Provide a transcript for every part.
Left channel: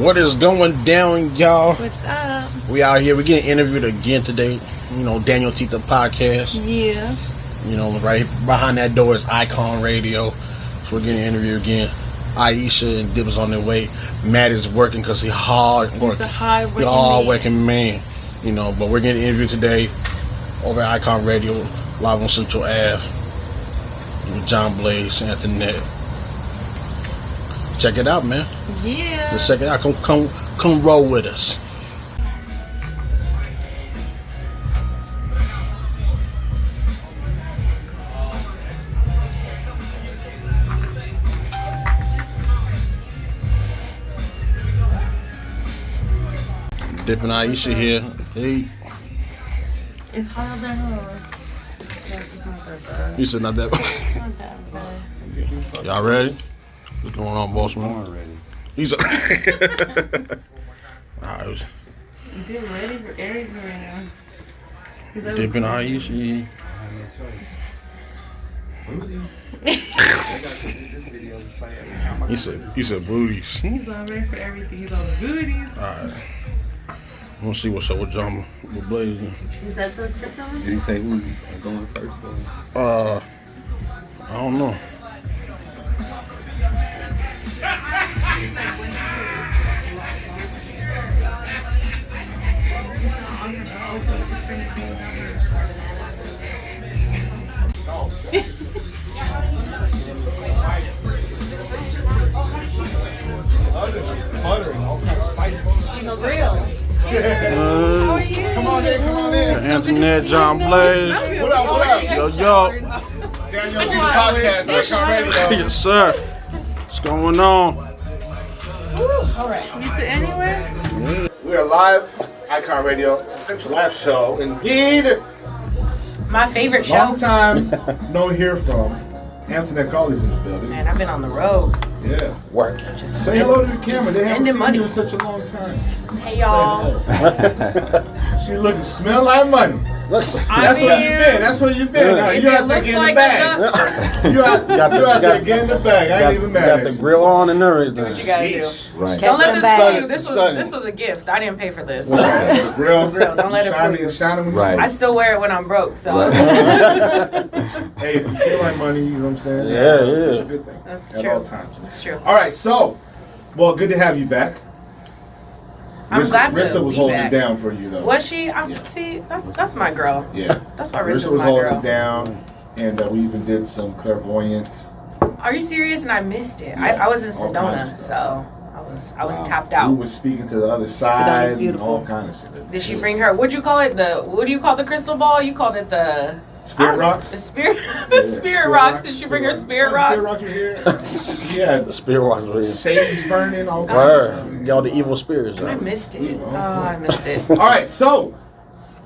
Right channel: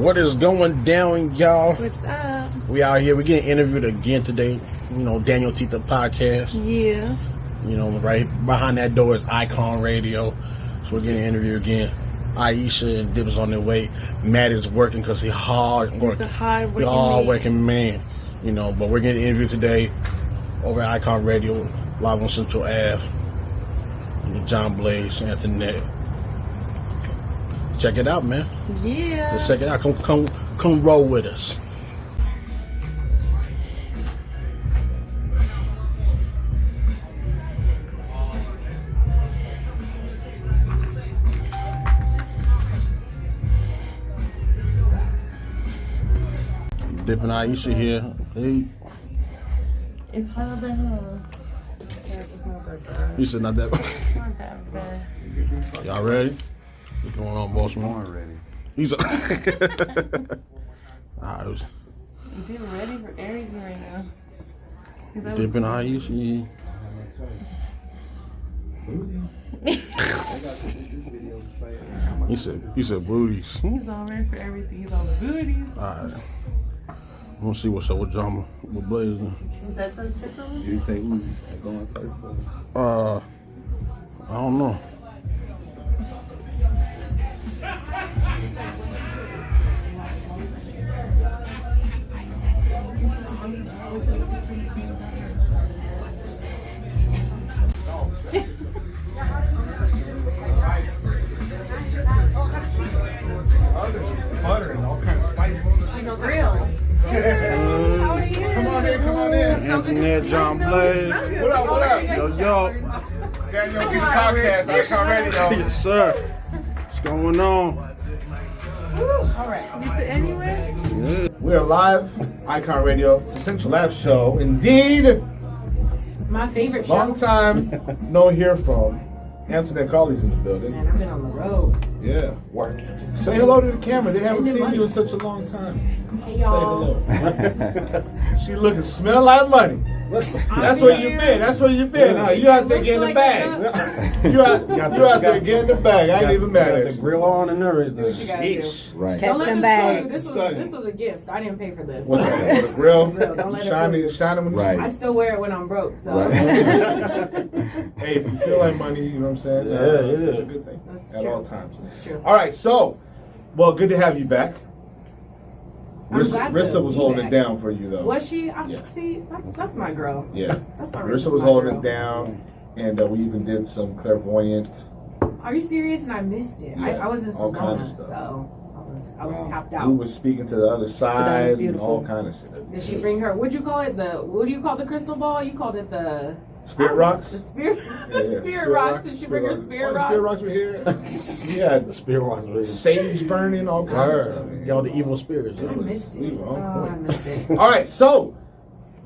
What is going down, y'all? What's up? We out here. We're getting interviewed again today. You know, DanYo&Tita podcast. Yeah. You know, right behind that door is IKON Radio. So we're getting interviewed again. Aisha and Dib is on their way. Matt is working because he's hard working. He's a hard-working man. You know, but we're getting interviewed today over at IKON Radio, live on Central Ave with John Blaze, Anthony. Check it out, man. Yeah. Let's check it out. Come roll with us. Dip and Aisha here. Hey. It's hard to hold. It's not that bad. You said not that bad. It's not that bad. Y'all ready? What's going on, boss man? I'm ready. He's alright. They're ready for everything right now. Dip and Aisha. He said booties. He's all ready for everything. He's on booties. Alright. I'm gonna see what's up with John with Blaze. Is that the first one? Did he say who's going first? I don't know. Buttering, all kinds of spice. He's a real. How are you? Come on in. Anthony, John Blaze. What up? Yo. DanYo&Tita podcast, IKON Radio. Yes, sir. What's going on? All right. You sit anywhere? We are live, IKON Radio. It's a Central Lab show. Indeed, My favorite show. long time no hear from. Anthony Colley's in the building. Man, I've been on the road. Yeah. Work. Say hello to the camera. They haven't spending seen money. you in such a long time. Hey, y'all. She looking smell like money. That's where you been. That's where you been. Huh? You out there getting the bag. You out there getting the bag. I ain't even mad Got at the you. grill on and everything. Do what you gotta do. Right. Don't let them this bags. fool you. This was a gift. I didn't pay for this. Grill. Don't let it fool you. Shining. Right. I still wear it when I'm broke, so Hey, if you feel like money, you know what I'm saying? Yeah. It's a good thing. That's At true. all times. It's true. All right, so, well, good to have you back. I'm glad to Rissa was be holding back. it down for you, though. Was she? Yeah. See, that's my girl. Yeah. That's why Rissa's Rissa was my holding girl. it down, and we even did some clairvoyant. Are you serious? And I missed it. Yeah, I was in all kinds Sedona, of so I was tapped We out. was speaking to the other side and beautiful. all kind of shit. Did she bring her? What'd you call it? What do you call the crystal ball? You called it the Spirit rocks? The spirit. Yeah, Spirit rocks. Did she bring her spirit rocks? Spirit rocks were here. Yeah, The spirit rocks were here. sage burning, all kinds of Word. Y'all the evil spirits. I missed it. Oh, I missed it. All right, so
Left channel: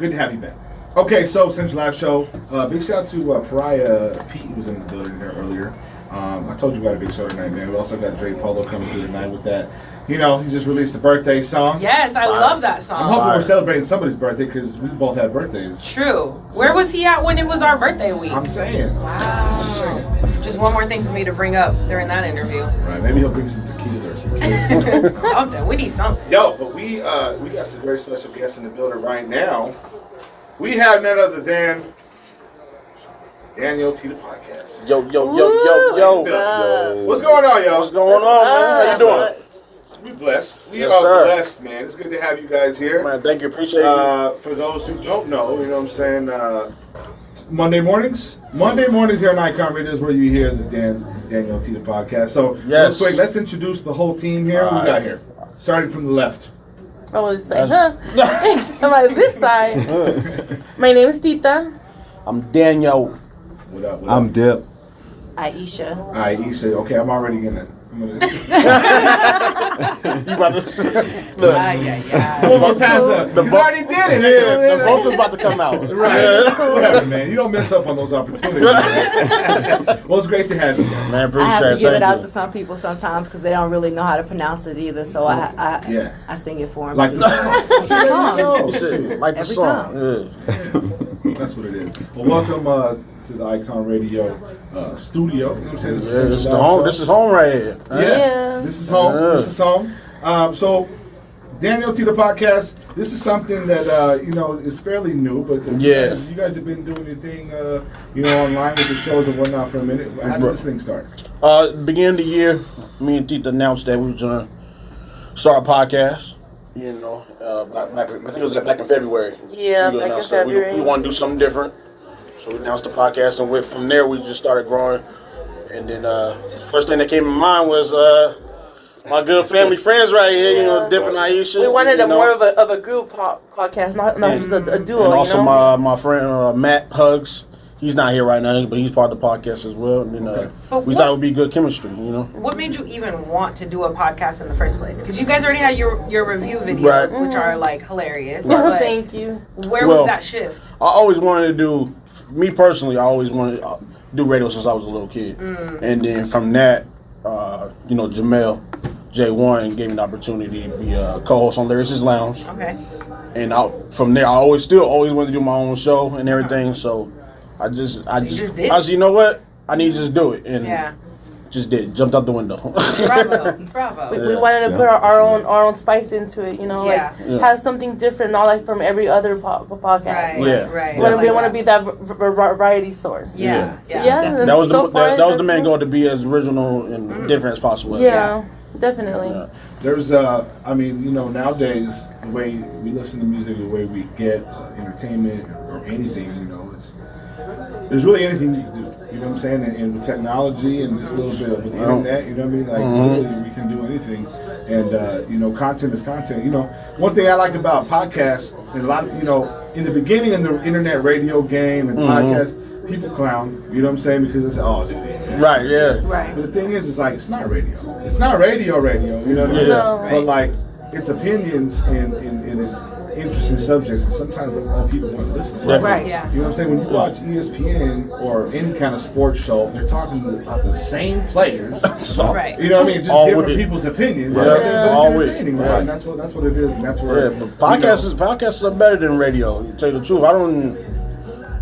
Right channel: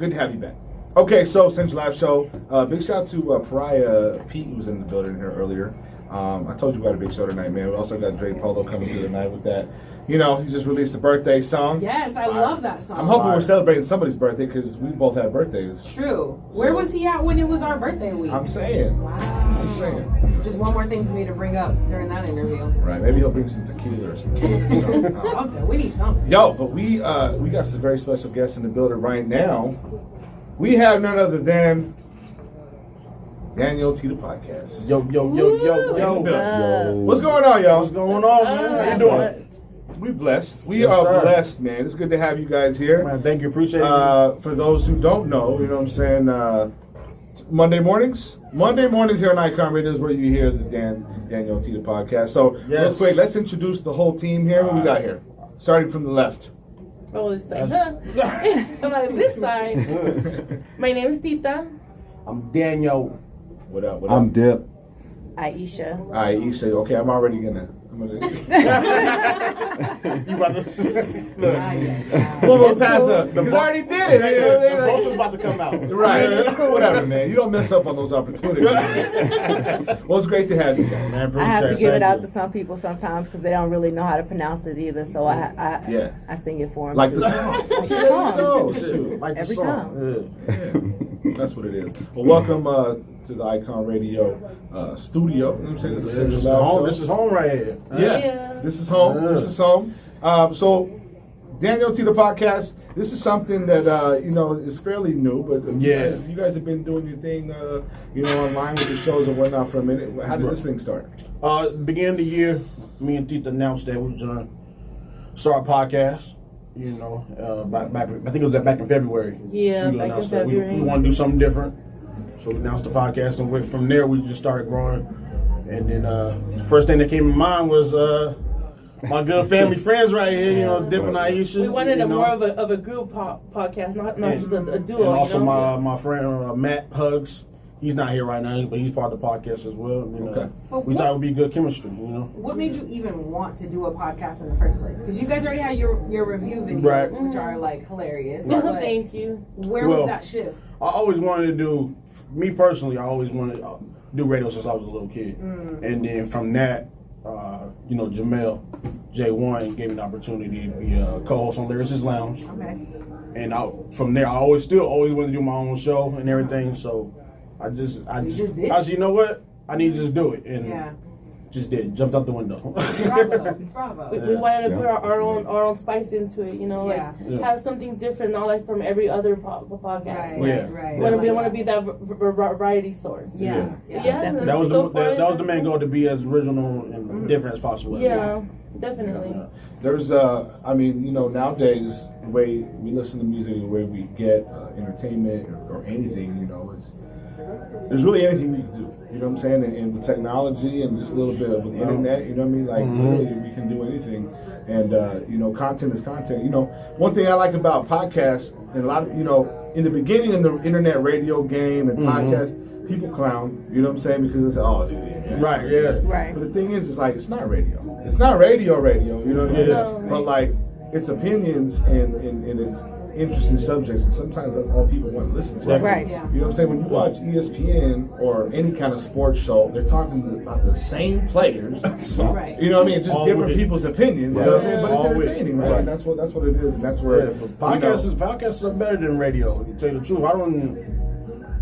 good to have you back. Okay, so Central Live Show. Big shout out to Pariah. Pete was in the building here earlier. I told you we got a big show tonight, man. We also got Dre Polo coming through tonight with that. You know, he just released a birthday song. Yes, I love that song. I'm hoping we're celebrating somebody's birthday because we both had birthdays. True. Where was he at when it was our birthday week? I'm saying. Wow. Just one more thing for me to bring up during that interview. Right, maybe he'll bring some tequila or something. Something. We need something. Yo, but we got some very special guests in the building right now. We have none other than DanYo&Tita podcast. Yo. What's going on, y'all? What's going on, man? How you doing? We blessed. We Yes, are sir. blessed, man. It's good to have you guys here. Man, thank you. Appreciate it. For those who don't know, you know what I'm saying, Monday mornings here on IKON Radio is where you hear the DanYo&Tita podcast. So, Yes. real quick, let's introduce the whole team here. What we got here? Starting from the left. I was like, huh? I'm like, this side. My name is Tita. I'm Danyo. What up? I'm Dip. Aisha. All right, Issa. Okay, I'm already gonna. You about to look. We'll go past that. He's already did it. The vocal's about to come out. Right. Whatever, man. You don't mess up on those opportunities. Well, it's great to have you guys. Man, I have to give it thank out you. to some people sometimes because they don't really know how to pronounce it either. So Yeah. I sing it for them. Like too. the song. Like the song. Oh, Shit, shoot. like the Every song. Yeah. That's what it is. Well, welcome to the IKON Radio studio. You know what I'm saying? Yeah, this is home right here. Yeah. This is home. Yeah. This is home. So, DanYo&Tita podcast. This is something that is fairly new, but Yeah. you guys have been doing your thing, online with the shows and whatnot for a minute. How did this thing start? Beginning of the year, me and Tita announced that we was gonna start a podcast. Back I think it was back in February. Yeah, We back in announced that February. we want to do something different, so we announced the podcast, and from there we just started growing. And then first thing that came to mind was my good family friends right here, Dip and Aisha. We wanted more of a group podcast, not just a duo. And also you know? my friend Matt Hugs. He's not here right now, but he's part of the podcast as well. And, we thought it would be good chemistry, What made you even want to do a podcast in the first place? Because you guys already had your review videos, which are like hilarious. Yeah, but thank you. Where was that shift? I always wanted to do, me personally, I always wanted to do radio since I was a little kid. And then from that, Jamel J1 gave me the opportunity to be a co-host on Lyricist Lounge. Okay. And from there, I always wanted to do my own show and everything. So I just did it? I said, you know what? I need to just do it. And Yeah. just did it. Jumped out the window. Bravo. We wanted to put our own spice into it, have something different, not like from every other podcast. Right. We want to be that variety source. Yeah. That was so fun. that was the main goal, to be as original and different as possible. Yeah, definitely. Yeah. There's, nowadays, the way we listen to music, the way we get entertainment or anything, there's really anything you can do. You know what I'm saying? And with technology and just a little bit of the internet, you know what I mean? Like, really, we can do anything. And, content is content. One thing I like about podcasts, and a lot of, in the beginning in the internet radio game and podcasts, people clown, you know what I'm saying? Because it's, dude. Right, yeah. Right. But the thing is, it's like, it's not radio. It's not radio, you know what I mean? Yeah. But like, it's opinions and it's interesting subjects, and sometimes that's all people want to listen to. Right. Yeah. You know what I'm saying? When you watch ESPN or any kind of sports show, they're talking about the same players. Right. You know what I mean? Just All different with it. people's opinions. Right. You know what I'm saying? But All it's with it. entertaining, right? Right. And that's what it is, and that's where Podcasts are better than radio. To tell you the truth,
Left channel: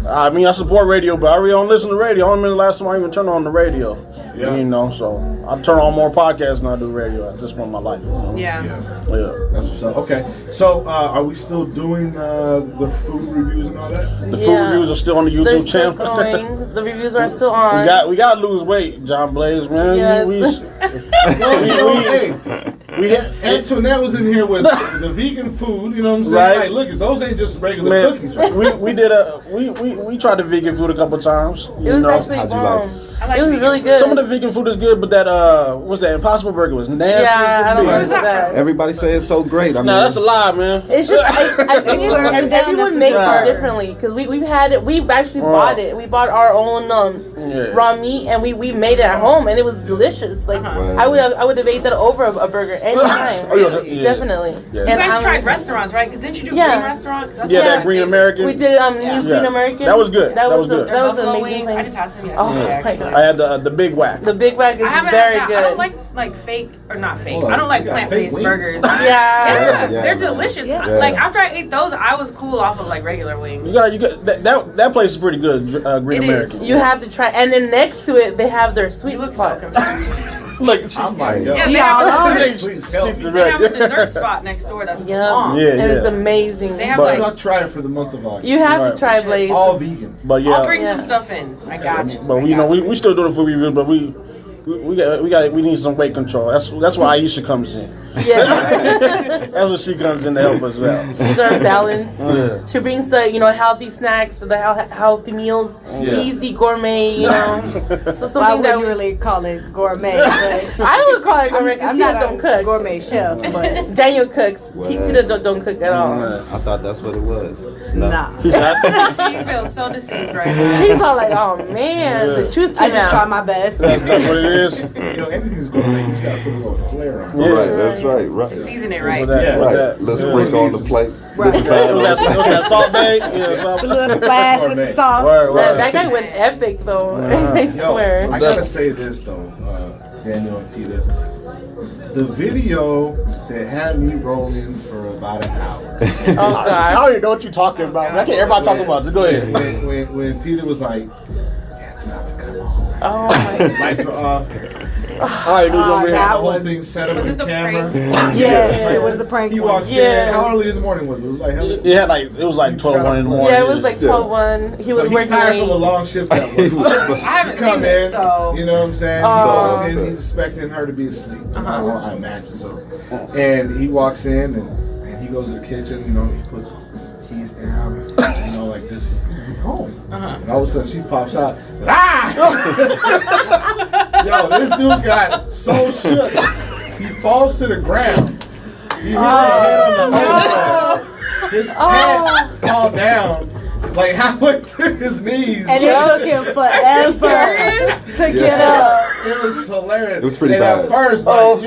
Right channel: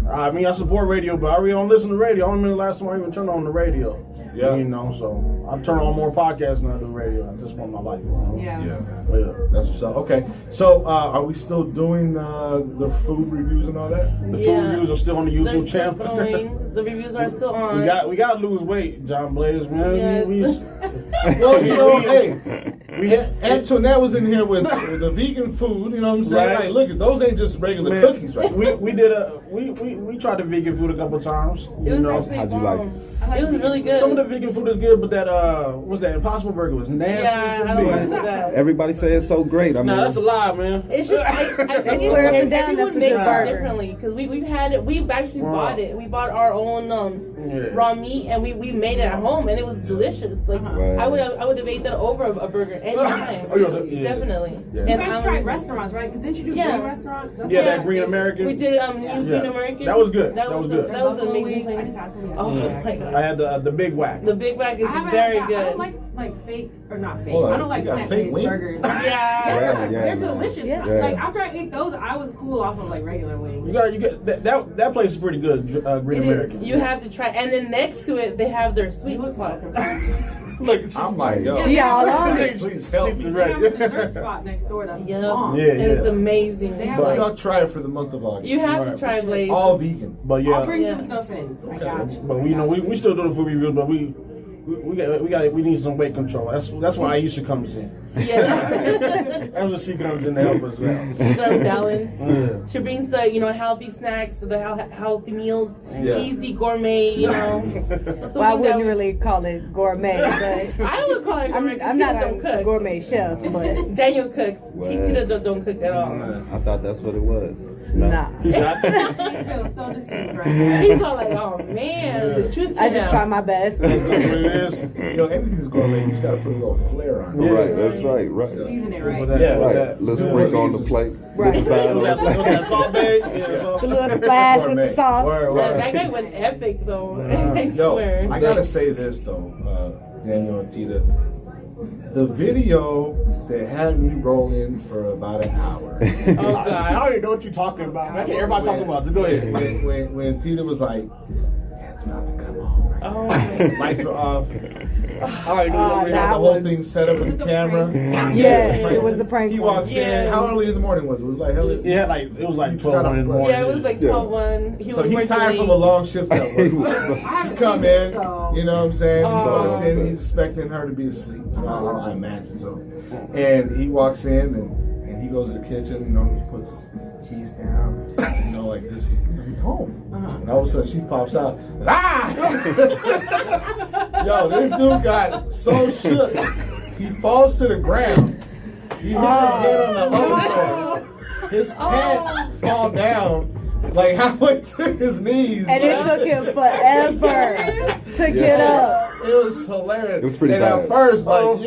I support radio, but I really don't listen to radio. I don't remember the last time I even turned on the radio. Yeah. So I turn on more podcasts than I do radio at this point in my life. Yeah. That's what's up. Okay, so are we still doing the food reviews and all that? The food reviews are still on the YouTube They're still channel. going. The reviews are still on. we got to lose weight, John Blaze, man. Yes. Hey, Antoinette was in here with the vegan food. You know what I'm saying? Right. Hey, look, those ain't just regular cookies, right? We tried the vegan food a couple times. It was actually How'd you bomb. like It was really good. Some of the vegan food is good, but that what's that Impossible Burger was nasty. Yeah, I don't Right. know that. Everybody say it's so great. I mean, No, that's a lie, man. It's just I think swear up and down, everyone that's a makes good it burger. differently because we've had it. We've actually bought it. We bought our own raw meat and we made it at home and it was delicious. Like Wow. I would have ate that over a burger anytime. Oh, yeah. Definitely. Yeah. You And guys I'm- tried restaurants, right? Because didn't you do Yeah. Green Restaurant? 'Cause that's Yeah, what that I Green think. American. We did New Green American. That was good. That was good. That was an Buffalo amazing wings. place. I just had some Oh yesterday. my actually. God. I had the big whack. The Big Mac is I haven't very had good. that. I don't like fake or not fake. Hold on, I don't like you got plant-based fake wings? burgers. Yeah. Yeah, Yeah, they're man. delicious. Yeah. Like after I ate those, I was cool off of like regular wings. You got that place is pretty good. Green It is. American. You have to try, and then next to it, they have their sweet You look so spot. confused. Like I'm like, yo, Yeah, She they have all on a- it. please help me. They have a dessert spot next door that's Yeah. bomb. Yeah. And it's amazing. They have But- like. I'll try it for the month of August. You have Right. to try Blaze. All vegan. But yeah, I'll bring Yeah. some stuff in. I got you. but we still doing food reviews, but we need some weight control. That's why Aisha comes in. Yeah. That's what she comes in to help us out. She's our balance. Yeah. She brings the healthy snacks, the healthy meals, Yeah. easy gourmet. So Well, I something wouldn't really call it gourmet, but I would call it gourmet I'm because not don't a cook. gourmet chef, but Daniel cooks. What? Tita don't cook at all. I thought that's what it was. No. nah. He's happy. You feel so deceived right now. He's all like, oh man, the truth I came just out. try my best. That's what it is. Anything's gourmet. You just gotta put a little flair on it. Yeah. Right, that's right. Season it right. With that- Yeah. with Right. that. Let's Do break what on you the plate. Right. The design Was on that, the was that salt bay? Yeah, salt The little splash with the Gourmet. sauce. Right, right. That guy went epic though. I Yo, swear. I gotta say this though, DanYo&Tita. The video that had me rolling for about an hour. Oh God. I don't even know what you're talking about. I can't everybody talk about it. Just go ahead. When Tita was like, yeah, it's about to come on. Oh my God. Lights were off. All right, dude, Oh, over They here. had that the whole one. thing set up Was with it the the camera. prank? Yeah, it was the prank He one. walks Yeah. in. How early in the morning was it? It was like, hell, It had like it was like 12:01 in the morning. Yeah, it was like 12:01. He so was he working tired from a late. long shift that He morning. was- I haven't Come seen in, it, so. you know what I'm saying? He Oh. walks in, he's expecting her to be asleep. Uh-huh. I imagine so. And he walks in and he goes to the kitchen, you know, he puts his keys down, you know, like this, he's home. Uh-huh. And all of a sudden she pops out, ah! Yo, this dude got so shook, he falls to the ground. He hits his head on the overfloor. His pants fall down. Like halfway to his knees. And it took him forever to get up. It was hilarious. It was pretty and bad. At first, like,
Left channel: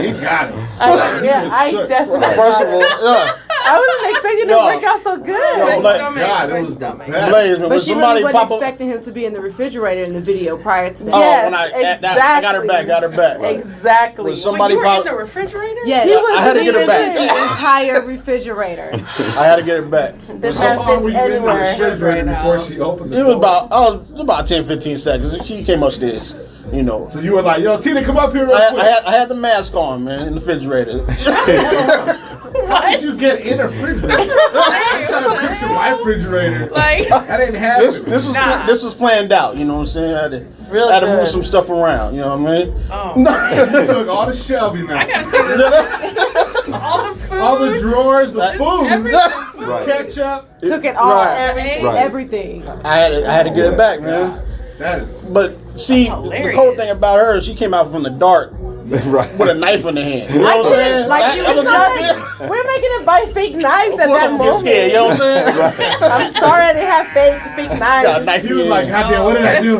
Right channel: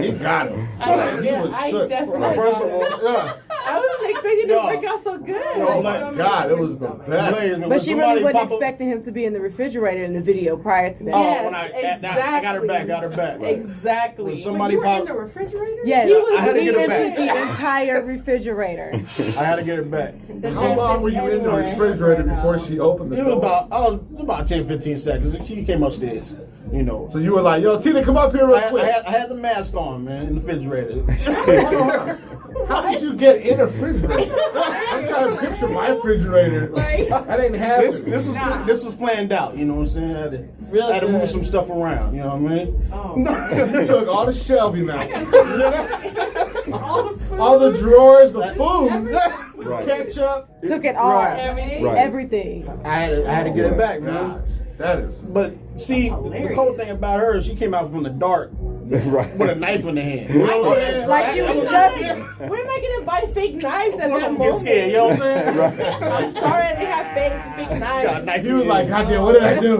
he got him. Like, he Yeah, was I shook. definitely. First of all, yeah. I wasn't expecting it to Yo. work out so good. Yo, My like, stomach, God, it my was the stomach. best. Blaze, man, when But she really somebody wasn't pop up- expecting him to be in the refrigerator in the video prior to that. Oh, Yes, when I got her back, got her back. Exactly. When Wait, somebody you were popped, in the refrigerator? Yes, He was I had to get her back. the entire refrigerator. I had to get her back. This How man long were fits you in the anywhere. refrigerator Right before now. she opened the It door? was about 10-15 seconds. She came upstairs, you know. So you were like, yo, Tina, come up here real quick. I had the mask on, man, in the refrigerator. How did you get in a refrigerator? I'm trying to picture my refrigerator. Like, I didn't have this it. this was Nah. this was planned out, you know what I'm saying? Really I had to move good. some stuff around, you know what I mean? oh, You took all the shelving out. I gotta see this. All the food. All the drawers, the food, Everything. Right. ketchup. Took it all. Right. Everything. Right. Everything. I had to get it back, man. That is. But see, the hilarious. cool thing about her, she came out from the dark Right. with a knife in the hand. You know what I'm saying? Like she was That's just- We're making it buy fake knives Of at course that I'm gonna get moment. scared, you know what I'm saying? Right. I'm sorry I didn't have fake Got a knives. knife He in was your like, hand. God damn, what did I do?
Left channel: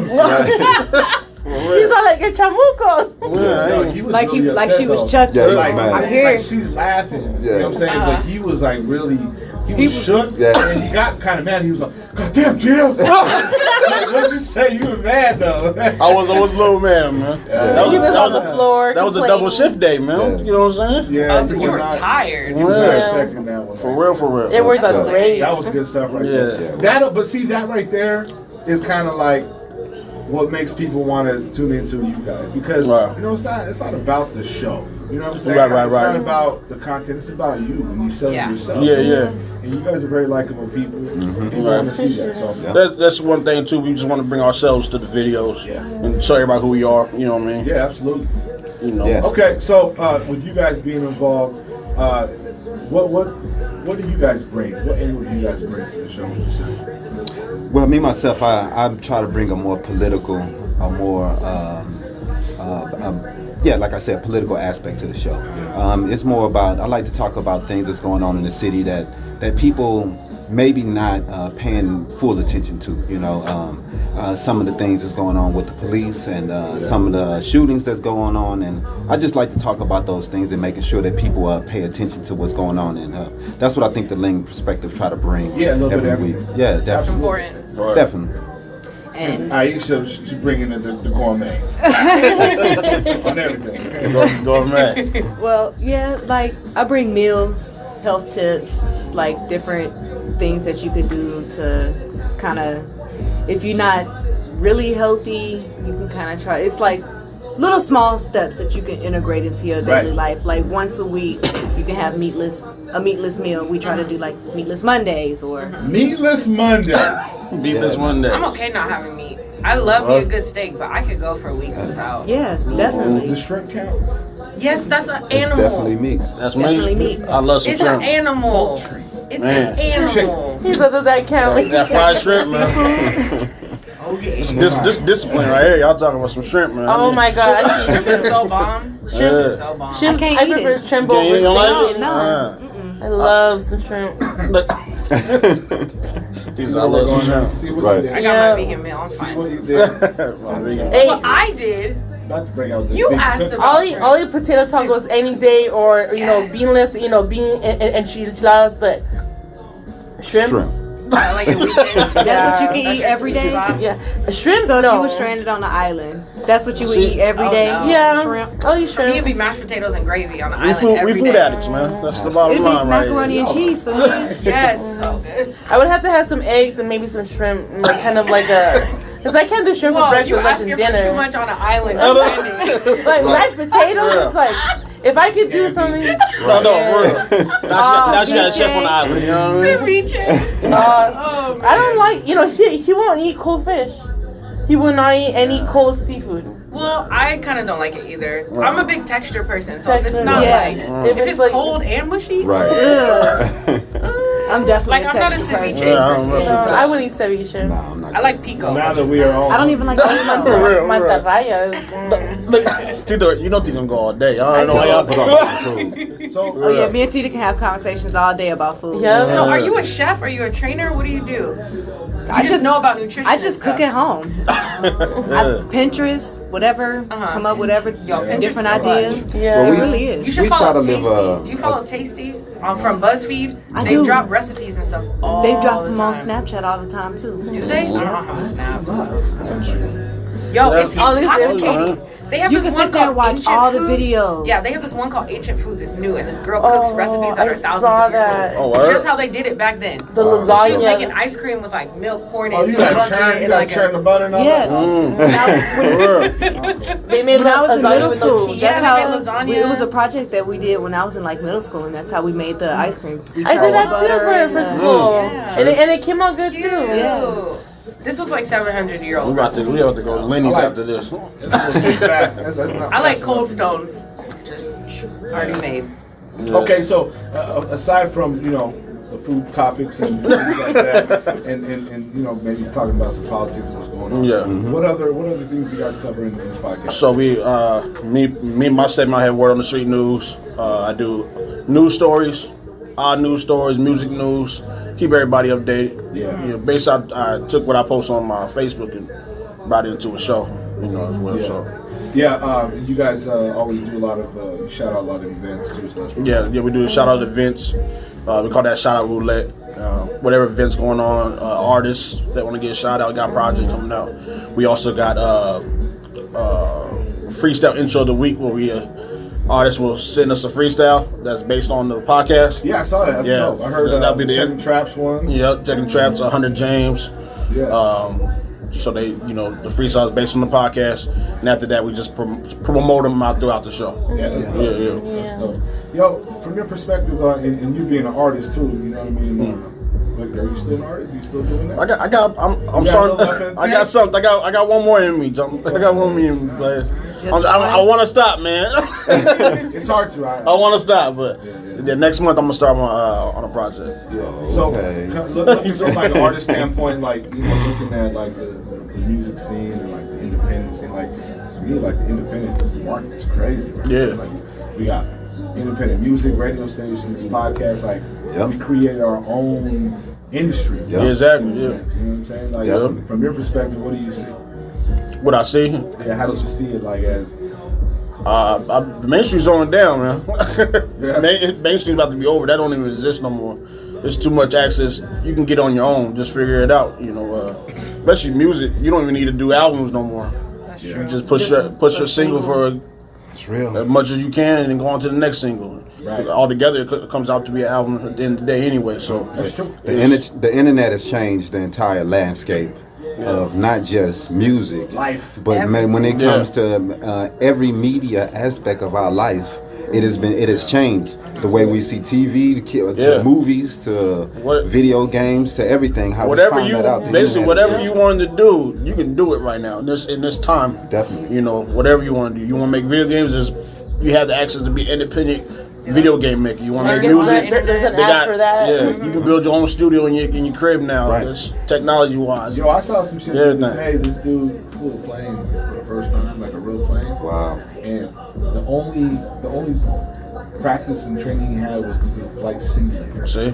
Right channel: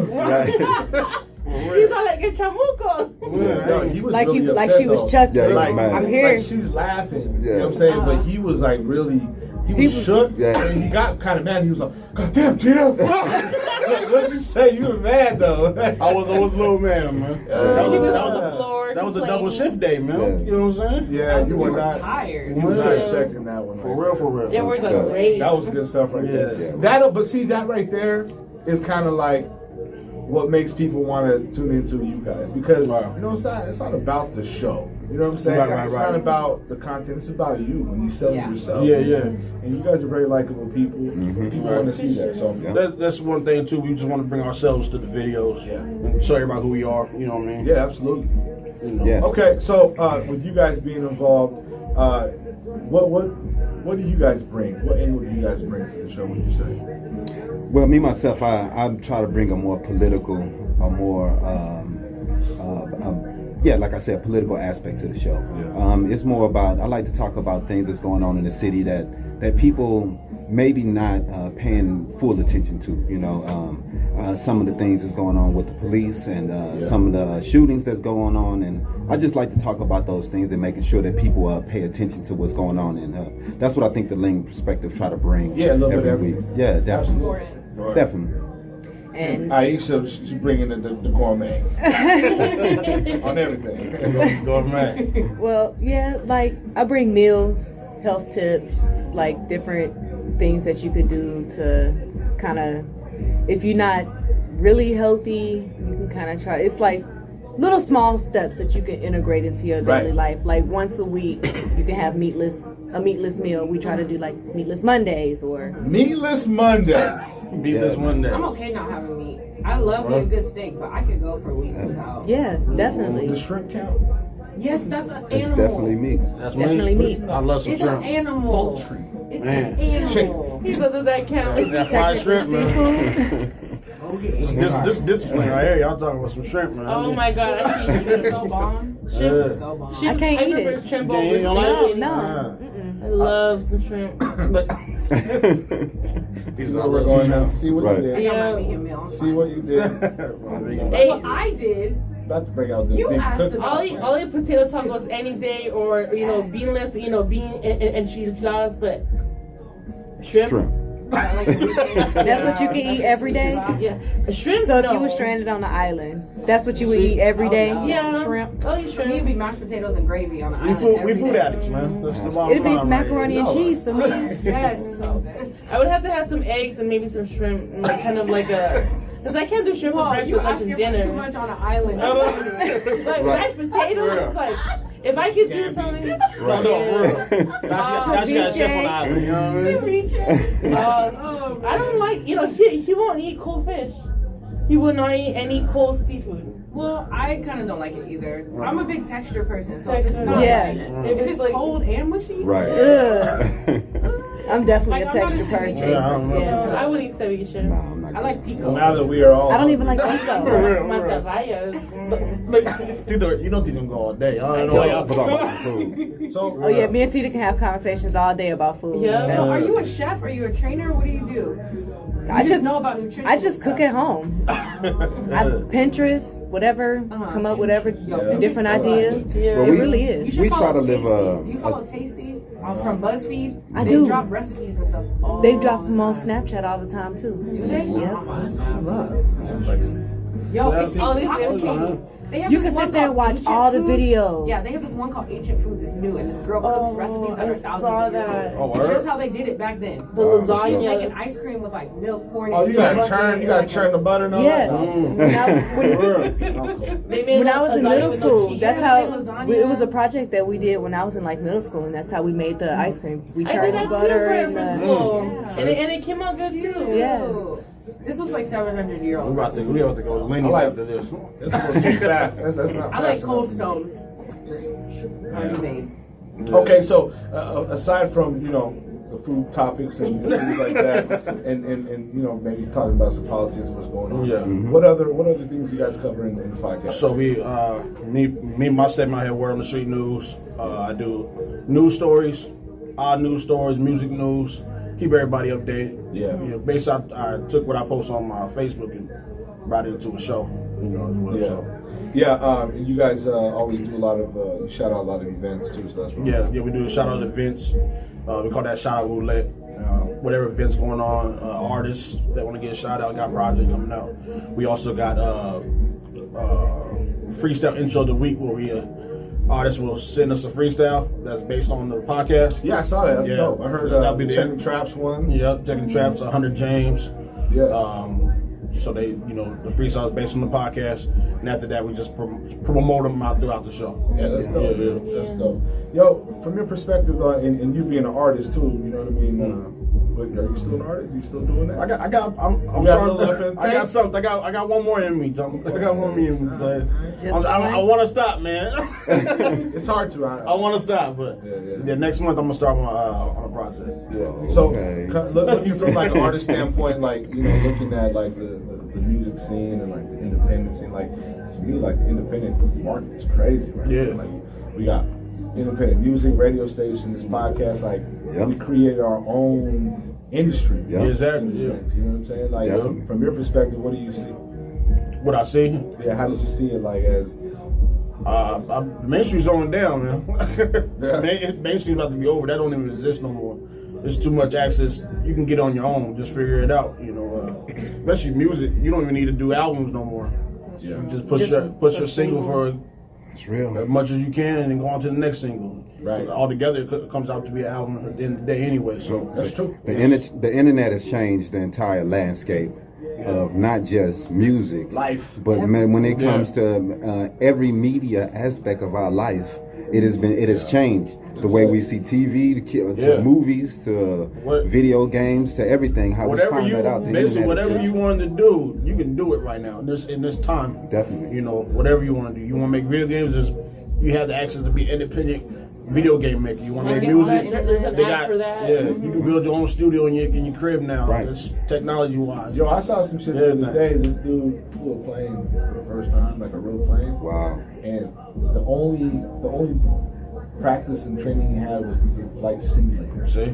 He's all like a chamuco. Yeah, Yo, he was Like really like upset, she was though. chucked. Yeah, he was Like, mad. I'm here. Like she's laughing. You Yeah. know what I'm saying? But he was like really, he was shook. Yeah. And he got kind of mad. He was like, God damn, Tina. Like, what did you say? You were mad though. I was a little man, man. That He was, was that on was the a, floor. that was a complaining. double shift day, man. Yeah. You know what I'm saying? Yeah, Oh, so you were not, tired. You were not Yeah. expecting that one. For man. real, for real. It worked So- great. That was good stuff right Yeah. there. But see, that right there is kind of like what makes people want to tune into you guys because Wow. you know it's not about the show. You know what I'm saying? Right, It's right. not about the content. It's about you when you sell Yeah. yourself. Yeah, yeah. And you guys are very likable people. People want to see that. So Yeah. That's one thing too. We just want to bring ourselves to the videos, Yeah. and show everybody who we are. You know what I mean? yeah, absolutely. You know. Yeah. Okay, so with you guys being involved, what do you guys bring? What angle do you guys bring to the show? Would you say? Well, me myself, I try to bring a more political, a more, yeah, like I said, political aspect to the show. It's more about, I like to talk about things that's going on in the city that people maybe not paying full attention to. You know, some of the things that's going on with the police and some of the shootings that's going on, and I just like to talk about those things and making sure that people pay attention to what's going on, and that's what I think the Ling perspective try to bring Yeah, a little bit every of week. Yeah, That's definitely, important. Right. definitely. And Aisha, she's bringing in the gourmet on everything. Go man. well, yeah, like I bring meals, health tips, like different things that you could do to kind of, if you're not really healthy, you can kind of try. It's like little small steps that you can integrate into your daily Right. life. Like once a week, you can have a meatless meal. We try to do like meatless Mondays or Meatless Mondays. Beat this one day. I'm okay not having meat. I love me a good steak, but I could go for weeks without. yeah, The definitely. shrimp count. Yes, that's an It's animal. definitely me. That's Definitely me. meat. I love some It's an shrimp. animal. Poultry. It's Man. an animal. He said, does that count? That fried shrimp, man. Oh yeah. This discipline right here. Y'all talking about some shrimp, man. Oh my god. Shrimp is so bomb. Shrimp is so bomb. Shrimp, I can't eat prefer it. shrimp Yeah, over you don't like steak. it? No. I love some shrimp. These See are what we're going shrimp. on. See what Right. you did. I got Yeah. my vegan meal. I'm See fine. what you did. Hey, What I did. About to bring out this You big asked cookie. about- I'll eat potato tacos any day, or beanless, bean and enchiladas, but shrimp. Shrimp. Like a weekend. That's what you can eat every day? Yeah, shrimp. So if no. you were stranded on an island, that's what you would See- eat every Oh, day? no. Yeah, Shrimp? I'll eat Me, it'd shrimp. be mashed potatoes and gravy on the We island food, every we food day. addicts, man. That's the bottom It'd be line. macaroni right and cheese for me. Yes, so good. I would have to have some eggs and maybe some shrimp, like kind of like a Because I can't do shrimp for Whoa, breakfast, you lunch, asking and for dinner. too much on an island. Like mashed potatoes, it's like if I could do something. No, for real. Now she got a chef on the island. You know what I mean? Ceviche. I don't like. He won't eat cold fish. He will not eat any cold seafood. Well, I kind of don't like it either. I'm a big texture person, so if it's Texture. not Yeah. like, if it's like, cold and mushy, Right. I'm definitely Like, a I'm not a texture ceviche person. Yeah, I don't know. I would eat ceviche. Nah, I'm not. I like pico. Now that we are all. I don't even like For pico. real. Mantarrayas. Look, Tita, you know Tita gonna go all day. I don't know. Put Y'all on my food. So, Oh yeah, me and Tita can have conversations all day about food. Yeah. So are you a chef? Are you a trainer? What do you do? I just know about nutrition. I just cook at home. I Pinterest, whatever, Uh-huh. come up with whatever Pinterest different is ideas. Yeah. Well, It we- really You is. should We try follow to live Tasty. Do you follow Tasty from BuzzFeed? I They do. drop recipes and stuff all They drop the them on time. Snapchat all the time too. Do they? Yeah. Snaps. Yo, it's all these intoxicating. They have You this can one sit there and called watch Ancient all the Foods. videos. Yeah, they have this one called Ancient Foods. It's new, and this girl cooks recipes that are I thousands saw of years that. Oh, old. word? It's just how they did it back then. The Wow. So she was lasagna. making ice cream with like milk pouring oh, into you got a to bucket churn, you and got like to churn the butter and all Yeah. that? They made When I was in lasagna middle with no school, cheese. that's Yeah, they how made lasagna. it was a project that we did when I was in like middle school, and that's how we made the ice cream. We I tried did that the too butter for and school, Yeah. and it came out good Cute. too. Yeah. This was like 700-year-old. We about to go Lenny's after this. That's not I like fast Cold enough. Stone, just already made. Okay, so aside from the food topics and things like that, and maybe talking about some politics and what's going on. Yeah. What other things you guys cover in the podcast? So my segment, I have Word on the Street News. I do news stories, odd news stories, music news, keep everybody updated. Yeah. Basically, I took what I post on my Facebook and brought it into a show. As well. Yeah. So. Yeah, you guys always do a lot of shout out a lot of events too. So that's really Yeah, we do shout out events. We call that shout out roulette. Whatever events going on, artists that want to get a shout out, got projects coming out. We also got freestyle intro of the week where we artists will send us a freestyle that's based on the podcast. Yeah, I saw that. That's Yeah. dope. I heard That'll be the Checking end. Traps one. Yeah, checking traps, 100 James. Yeah. So they, the freestyle is based on the podcast, and after that we just promote them out throughout the show. Yeah, that's dope. Yeah. That's dope. Yo, from your perspective, and you being an artist too, you know what I mean? Are you still an artist? You still doing that? I'm You got sorry. a little left in the I got tank? something. I got one more in me. I got one more in me. But I want to stop, man. It's hard to. I want to stop, but Yeah. the next month I'm gonna start on a project. Yeah. So, Okay. looking from like an artist standpoint, like looking at like the music scene and like the independent scene, like to me, like the independent market is crazy. Right? Yeah. Like we got independent music, radio stations, podcasts. Like Yep. we create our own industry. Yeah. Exactly, In a yeah. sense, you know what I'm saying? Like Definitely. from your perspective, what do you see? What I see, Yeah, how do you see it? Like as Main Street's going down, man. Yeah. Main Street's about to be over. That don't even exist no more. There's too much access. You can get on your own. Just figure it out. Especially music. You don't even need to do albums no more. That's Yeah. true. Just push your single for It's real. as much as you can, and then go on to the next single. Right. Altogether, it comes out to be an album at the end of the day anyway. So that's true. The internet has changed the entire landscape of not just music, Life. but man, when it Yeah. comes to every media aspect of our life, it has changed. The way we see TV, to Yeah. movies, to What- video games, to everything. How whatever we find you that out. The basically internet whatever is you just- wanted to do, you can do it right now. In this time, Definitely. Whatever you want to do. You want to make video games, you have the access to be independent video game maker. You want to Or make get on music. the There's an They app got, for that. yeah, you can build your own studio in your crib now. Right. It's technology wise. Yo, I saw some shit Yeah, the nah. other day. This dude flew a plane for the first time, like a real plane. Wow. And the only practice and training he had was to do a flight simulator. See,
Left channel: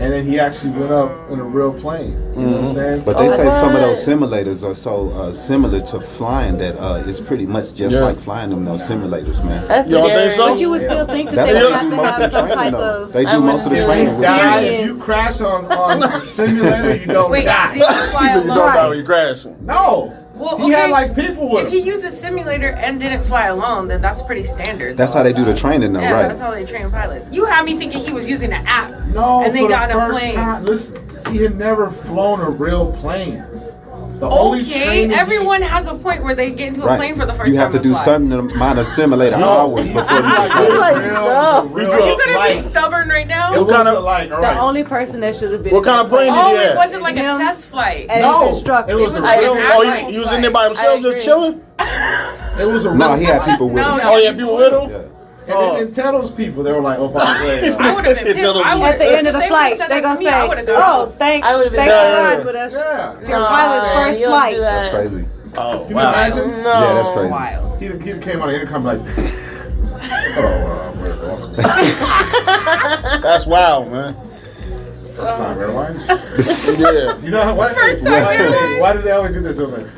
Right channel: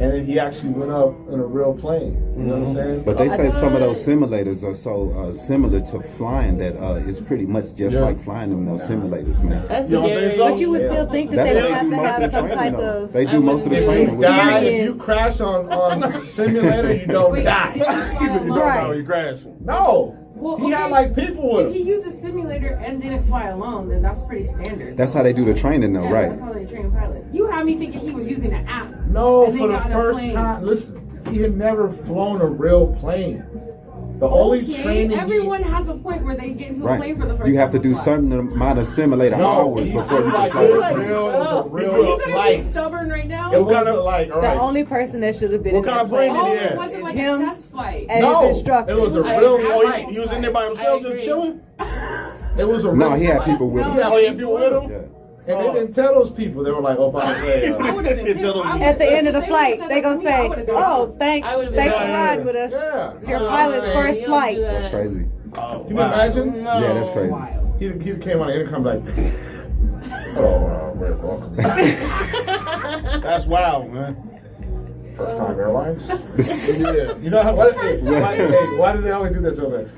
And then he actually went up in a real plane. You know what I'm saying? But they Oh, say some of what? those simulators are so similar to flying that it's pretty much just Yeah. like flying them those simulators, man. That's You don't scary. think so? But you would still think that That's they what would they have do to most of have the some training, type though. of. They do most of the Yeah. training with God, you. if you crash on the simulator, you don't Wait, die. did you fly you alone? know Right. about when you crashing. No. Well, He had okay. like people with If he him. used a simulator and didn't fly alone, then that's pretty standard. That's though. how they do the training, though, Yeah, right? that's how they train pilots. You had me thinking he was using an app. No, and they for got the in a first plane. time. Listen, he had never flown a real plane. The only Okay, training everyone has a point where they get into a plane for the first time. You have to do fly. certain amount of simulator hours before you can fly. Are you gonna be stubborn right now? It was like, all The right. only person that should have been What in kind that of plane plane Oh, did he it have? wasn't like a Him? test flight. and No, his instructor. it was a like real an Oh, actual he was in flight. there by himself, I just agree. chilling. It was a No, real he had flight. people with No, him. Oh, yeah, people with him. Yeah. And they didn't tell those people. They were like, oh, by the way. I would have been pissed. I would've- At the end of the if they flight, would've they're said gonna that to me, I say, would've gone. "Oh, thanks I would've been for there. riding with us. Yeah. It's your Oh, pilot's man, first you don't flight." do that. That's crazy. Oh, Can you wow. imagine? No. Yeah, that's crazy. Wild. He came on the intercom like, hello, welcome. That's wild, man. First time airlines. Yeah. You know how, why First time airlines. why do they always do this over there?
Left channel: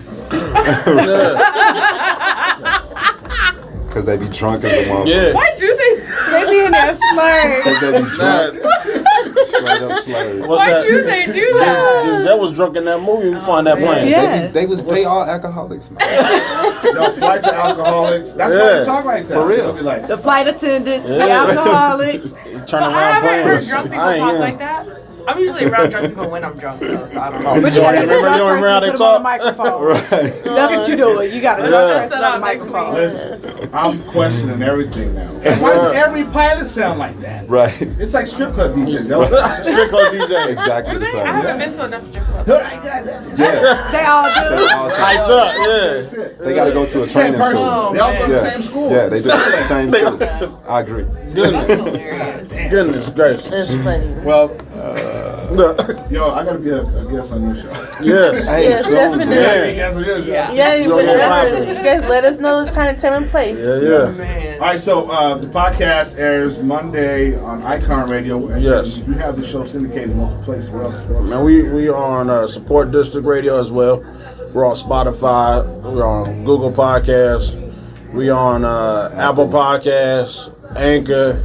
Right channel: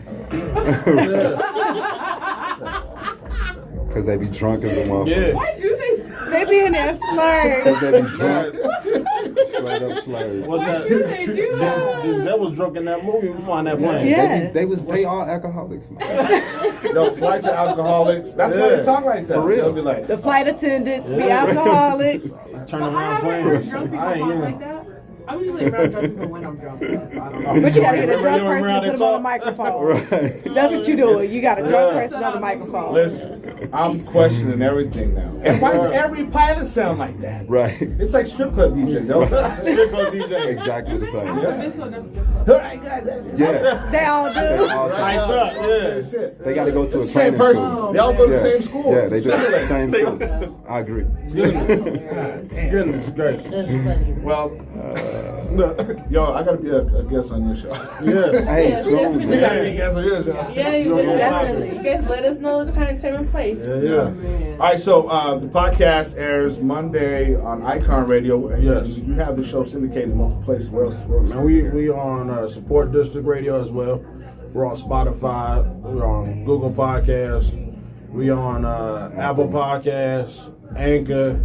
Because they be drunk as a motherfucker. Yeah. Why do they? They be in there slurred. Because they be drunk. Straight up slurred. What's Why that? should they do that? Denzel was drunk in that movie. You find that plane. Yeah. They all alcoholics, man. No, flights of alcoholics. That's why Yeah. they talk like that. For real. They'll be like, The flight attendant, the Yeah. alcoholic. Turn I around haven't heard planes. drunk people I ain't talk hear like that. I'm usually around drunk people when I'm drunk though, so I don't know. But you gotta get a Remember drunk you person around to they put them on the talk? microphone. Right. That's what you doing. You got a drunk Yeah. person on the microphone. listen, I'm questioning everything now. And why does every pilot sound like that? Right. It's like strip club DJs. That was Strip club DJ. Exactly Do the they? I same. haven't been to enough strip clubs. Yeah. They all They do. all Hyped talk. up, yeah. They got to go to a It's the same training person. school. They all go to the Yeah. same school. Yeah, they do the same school. I agree. Goodness gracious. That's funny. Well, No. yo, I gotta be a guest on your show. Yeah. Hey, Yes, soon, definitely. man. Yeah, you guys on your show. Yeah. Yeah, you Don't know definitely. how. You guys let us know the time and place. Yeah, yeah. Man. All right, so the podcast airs Monday on IKON Radio, and Yes. you have the show syndicated in multiple places. Where else? Man, we are on Support District Radio as well. We're on Spotify. We're on Google Podcasts. We on Apple Podcasts, Anchor,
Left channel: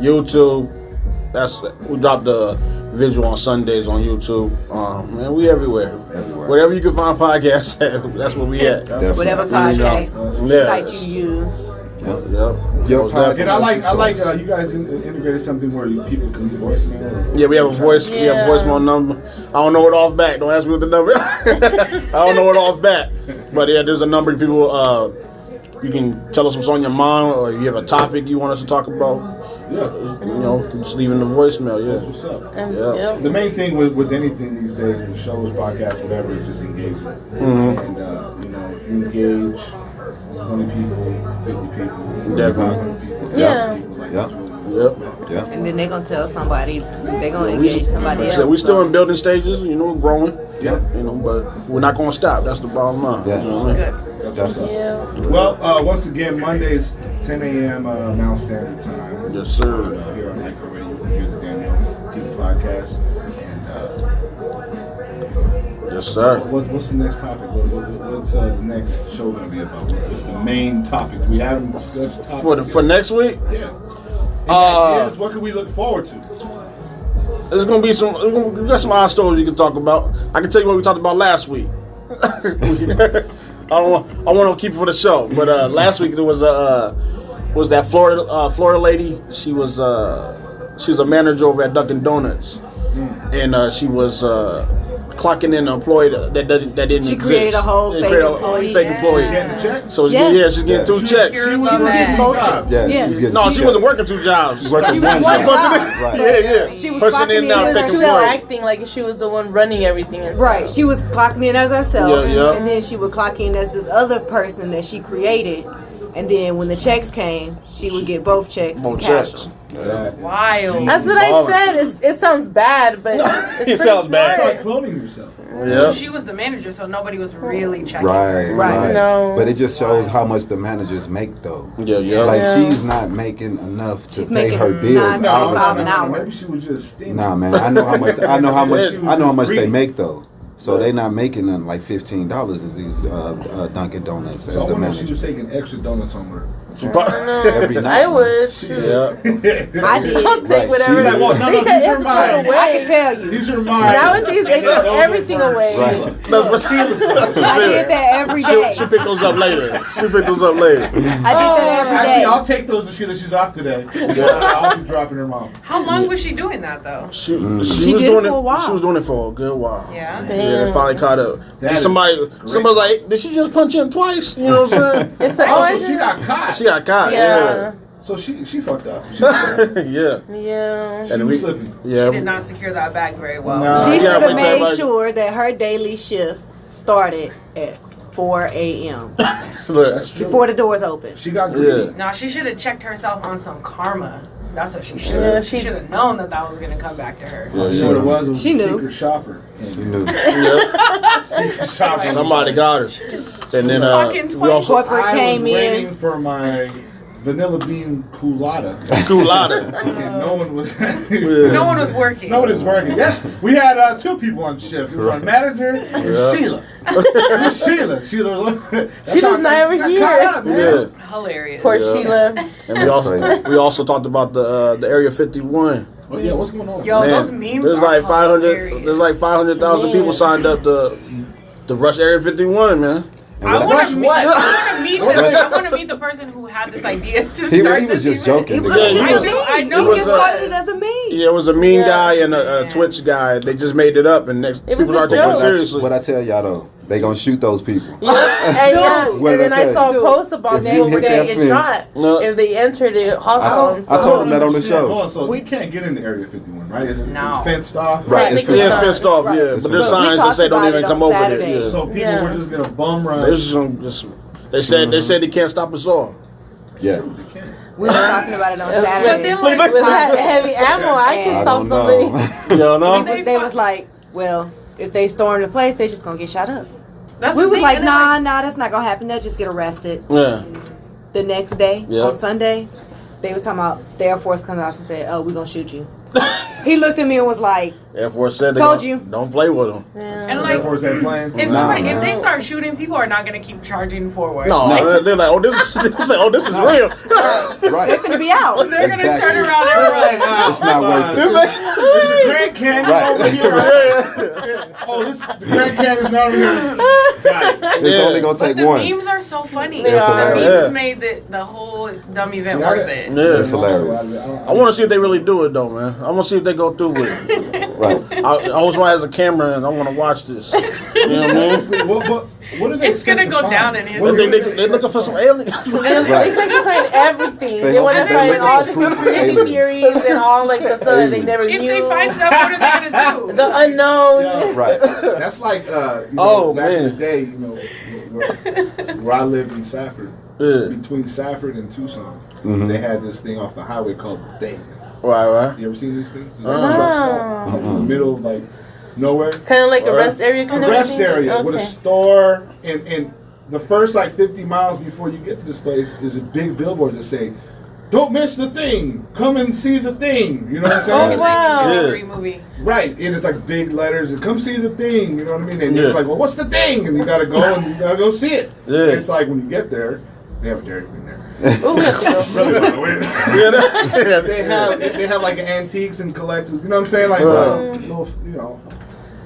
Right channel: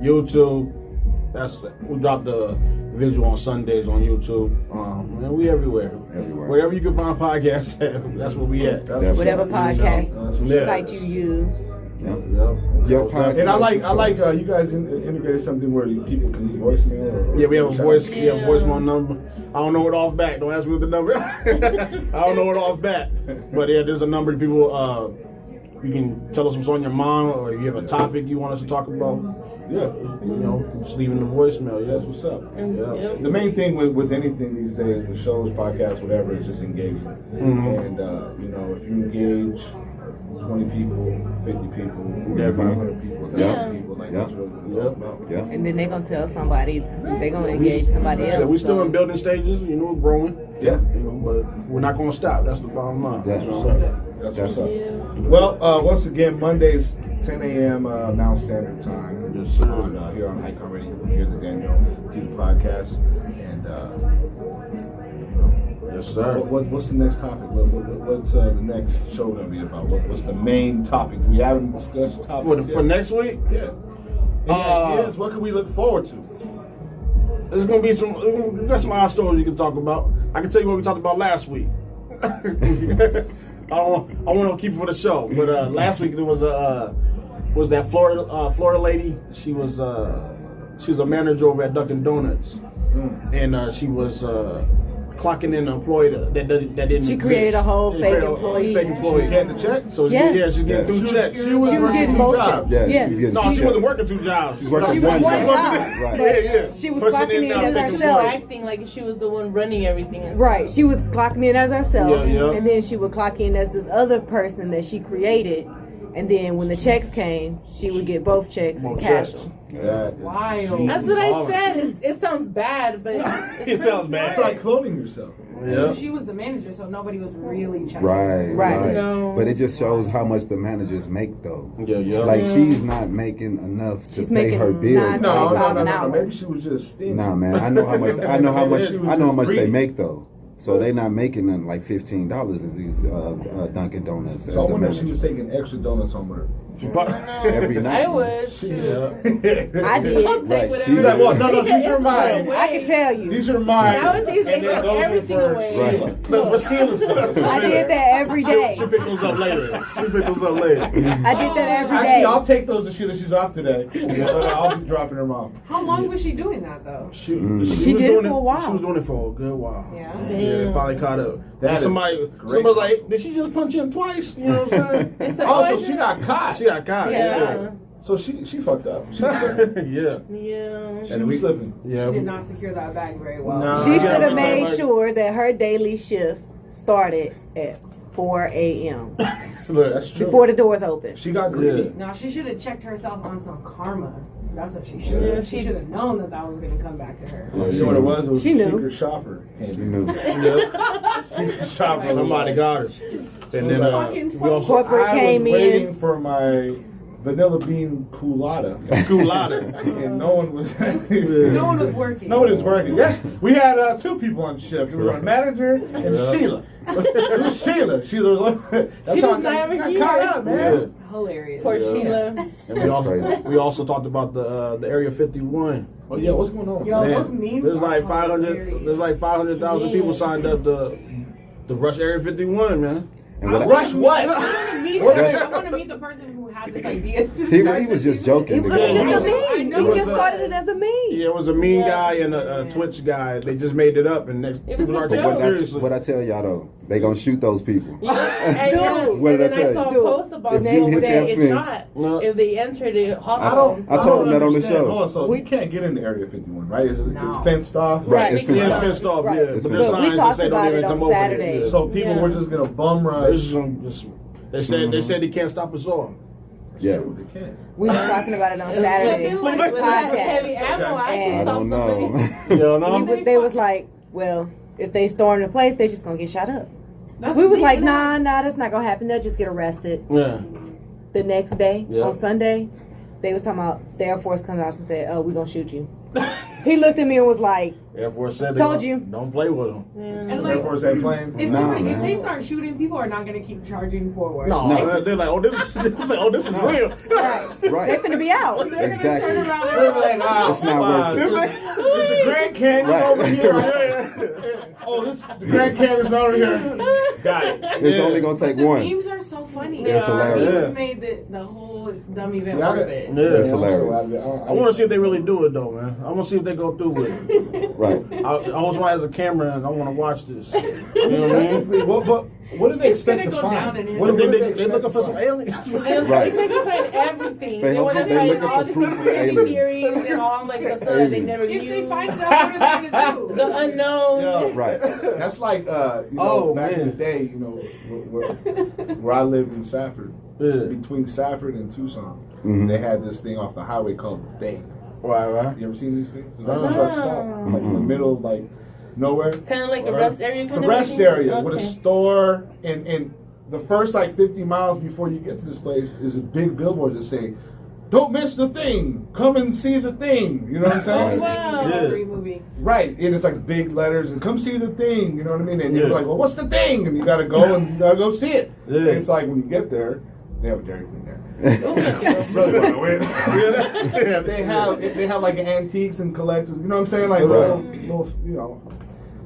YouTube. We drop the visual on Sundays on YouTube. Man, we everywhere. Everywhere. Wherever you can find podcasts, that's where we at. That's Whatever what's up. podcast Yeah. site you use. Yep. Yep. Your Most podcast. definitely. And I like you guys integrated something where people can voice me. Yeah, we have a voice. We have a Yeah. voicemail number. I don't know it off back. Don't ask me what the number. I don't know it off back. But yeah, there's a number of people. You can tell us what's on your mind, or you have a topic you want us to talk about. Yeah, You know, just leave in the voicemail. that's Yeah. what's up. And, Yeah. yep. The main thing with anything these days, with shows, podcasts, whatever, is just engagement. Mhm. And you know, if you engage 20 people, 50 people, Definitely. 500 people, Yeah. 1,000 people, like Yeah. that's what Yep. Yeah. And then they're going to tell somebody, they're going to engage somebody else. So we're still so. in building stages. You know, growing. Yeah. You know, but we're not gonna stop. That's the bottom line. Yeah. That's what I'm saying. That's what's up. Yeah. Well, once again, Mondays, 10 a.m. Mountain Standard Time. Yes, sir. Here on IKON Radio, you can hear the DanYo&Tita podcast. And Yes, sir. what's the next topic? What's the next show going to be about? What's the main topic? We haven't discussed topics For yet. next week, Yeah. Any ideas? What can we look forward to? there's gonna be some. We got some odd stories you can talk about. I can tell you what we talked about last week. I want to keep it for the show, but last week there was that Florida lady. She was a manager over at Dunkin' Donuts, and she was clocking in an employee that didn't She exist. created a whole She fake created a employee. fake She's employee. getting the check? So she's Yeah. she's getting two checks. She was She was getting both jobs. jobs. Yeah. Yeah. She's getting No, she checked. wasn't working two jobs. She's working She was one one job. job, Right. but Yeah. she was Person clocking in in now, as taking herself. Acting like she was the one running everything. And Right, stuff. she was clocking in as herself, Yeah, yeah. and then she would clock in as this other person that she created, and then when the checks came, she would get both checks and Both cash checks. them. Yeah. Wild. That's what I said. It sounds bad, but It sounds bad. It's like cloning yourself. So Yeah. she was the manager, so nobody was really checking. Right, Right. right. No. But it just shows how much the managers make, though. Yeah, yeah. Like Yeah. she's not making enough to She's pay making her bills. $9.25 an hour. Maybe she was just stingy. Nah, man. I know how much. I know how much. She was I know how just much they greedy. make though. So they not making nothing like $15 in these Dunkin' Donuts as So I the wonder if she was manager. taking extra donuts home with her. Every night. I would. Yeah. I did. I'll take Right, whatever. She's like, well, no, Because these are it's mine. away. I can tell you. These are mine. Nowadays, they And then give those are everything for away. Right. Sheila. No, but Sheila's stuff. I did that every day. She pick those up later. She pick those up later. I did that every Actually, day. I'll take those to Sheila. She's off today. I'll be dropping her mom. How long was she doing that though? She She was did it doing for a while. She was doing it for a good while. Yeah. Yeah, they finally caught up. That is Somebody was like, did she just punch him twice? You know what I'm saying? It's like, Also, she got caught. She got caught. Yeah. So she fucked up. She Yeah. Yeah. was slipping. Yeah. She did not secure that bag very well. Nah. She Yeah, should but have made like- sure that her daily shift started at 4 a.m. Look, That's true. before the doors open. She got greedy. Yeah. No, she should have checked herself on some karma. That's what she should. Yeah, she she- should have known that was gonna come back to her. You know what it was? It was She a knew. secret shopper. You knew. Yeah. Secret shopper. Somebody got her. And then Fucking we twice. also Corporate I came was waiting in. for my vanilla bean culotta, Culotta. and no one was. No one was working. Nobody was working. Yes, we had 2 people on shift. It was our manager and Yeah. Sheila. It was Sheila. Sheila was. That's She how was not over got here. caught up, man. Yeah. Hilarious. Poor Yeah. Sheila. And we also talked about the Area 51. Oh yeah, what's going on? Yo, Man, those memes there's are like 500. hilarious. There's like 500,000 people signed up to rush Area 51, man. And I what I- want Rush to meet. what? I want to meet the person who had this idea to start he was this just joking. event. The guy. Yeah, I know. I He know. was, just started it as a meme. Yeah, it was a mean Yeah. guy and a Twitch guy. They just made it up, and next It was people a are taking joke. it seriously. What I tell y'all though, they gonna shoot those people. And, yeah, What and did then I I saw tell you? posts about If you people hit that getting fence- shot No. if they entered the I hospital. told- I told him that on the understand. show. Hold on, so you can't get into Area 51, right? It's No. fenced off. Right, Right, it's they Yeah, can it's start. fenced off, Right. yeah. It's But there's fenced off. We signs that talked say don't about even it come on over Saturday. there. Yeah. So people Yeah. were just gonna bum They rush. they said they can't stop us all. Yeah. They can't. We were talking about it on But Saturday. then with Podcast. heavy ammo, I I can stop don't somebody. know. You know? They was like, well, if they storm the place, they just gonna get shot up. That's We the was thing, like, and then, nah, that's not gonna happen. They'll just get arrested. Yeah. The next day, Yeah. on Sunday, they was talking about the Air Force comes out and said, oh, we gonna shoot you. He looked at me and was like, Air Force said they Told don't- you. Don't play with them. And Air like, Force ain't playing. if Nah, somebody, man. if they start shooting, people are not gonna keep charging forward. No, No. they're like, oh, this is real. they're Right. gonna be out. They're gonna turn Exactly. around and They're run. like, ah, It's not worth it. This ain't- There's a Grand Canyon Right. over here. Right? Oh, the Grand Canyon's not over here. Got it. It's Yeah. only gonna But take the one. memes are so funny. It's The hilarious. memes made the whole dumb event See, I worth got- it. Yeah. It's hilarious. I want to see if they really do it though, man. I want to see if they go through with it. Right. I always want to have a camera and I want to watch this. You know what I mean? What are they It's gonna expect to go find? down in history. What do They looking for some aliens. Right. They can find everything. They They want to looking find for all the proof of conspiracy aliens. theories and all like the stuff that they Aliens. never If knew. they find stuff, what are they gonna do? The unknown. Yeah. Right. That's like, Oh, back in man. the day, where I lived in Safford, Yeah. between Safford and Tucson, Mhm. they had this thing off the highway called the Thing. Right. You ever seen these things? It's like Uh-uh. a truck stop, like in the middle of like nowhere. Kind of like a Alright. rest area. It's a Kind of rest thing? area with a Okay. store, and the first like 50 miles before you get to this place is a big billboard that say, "Don't miss the Thing. Come and see the Thing." You know what I'm saying? Oh, wow. 1953 movie. Right, and it's like big letters and come see the Thing. You know what I mean? And you're Yeah. like, well, what's the Thing? And you gotta go and you gotta go see it. Yeah. And it's like when you get there, they have a Dairy Queen there. Ooh. Really don't go in. Yeah. They have like antiques and collectors. You know what I'm saying? Like Right. little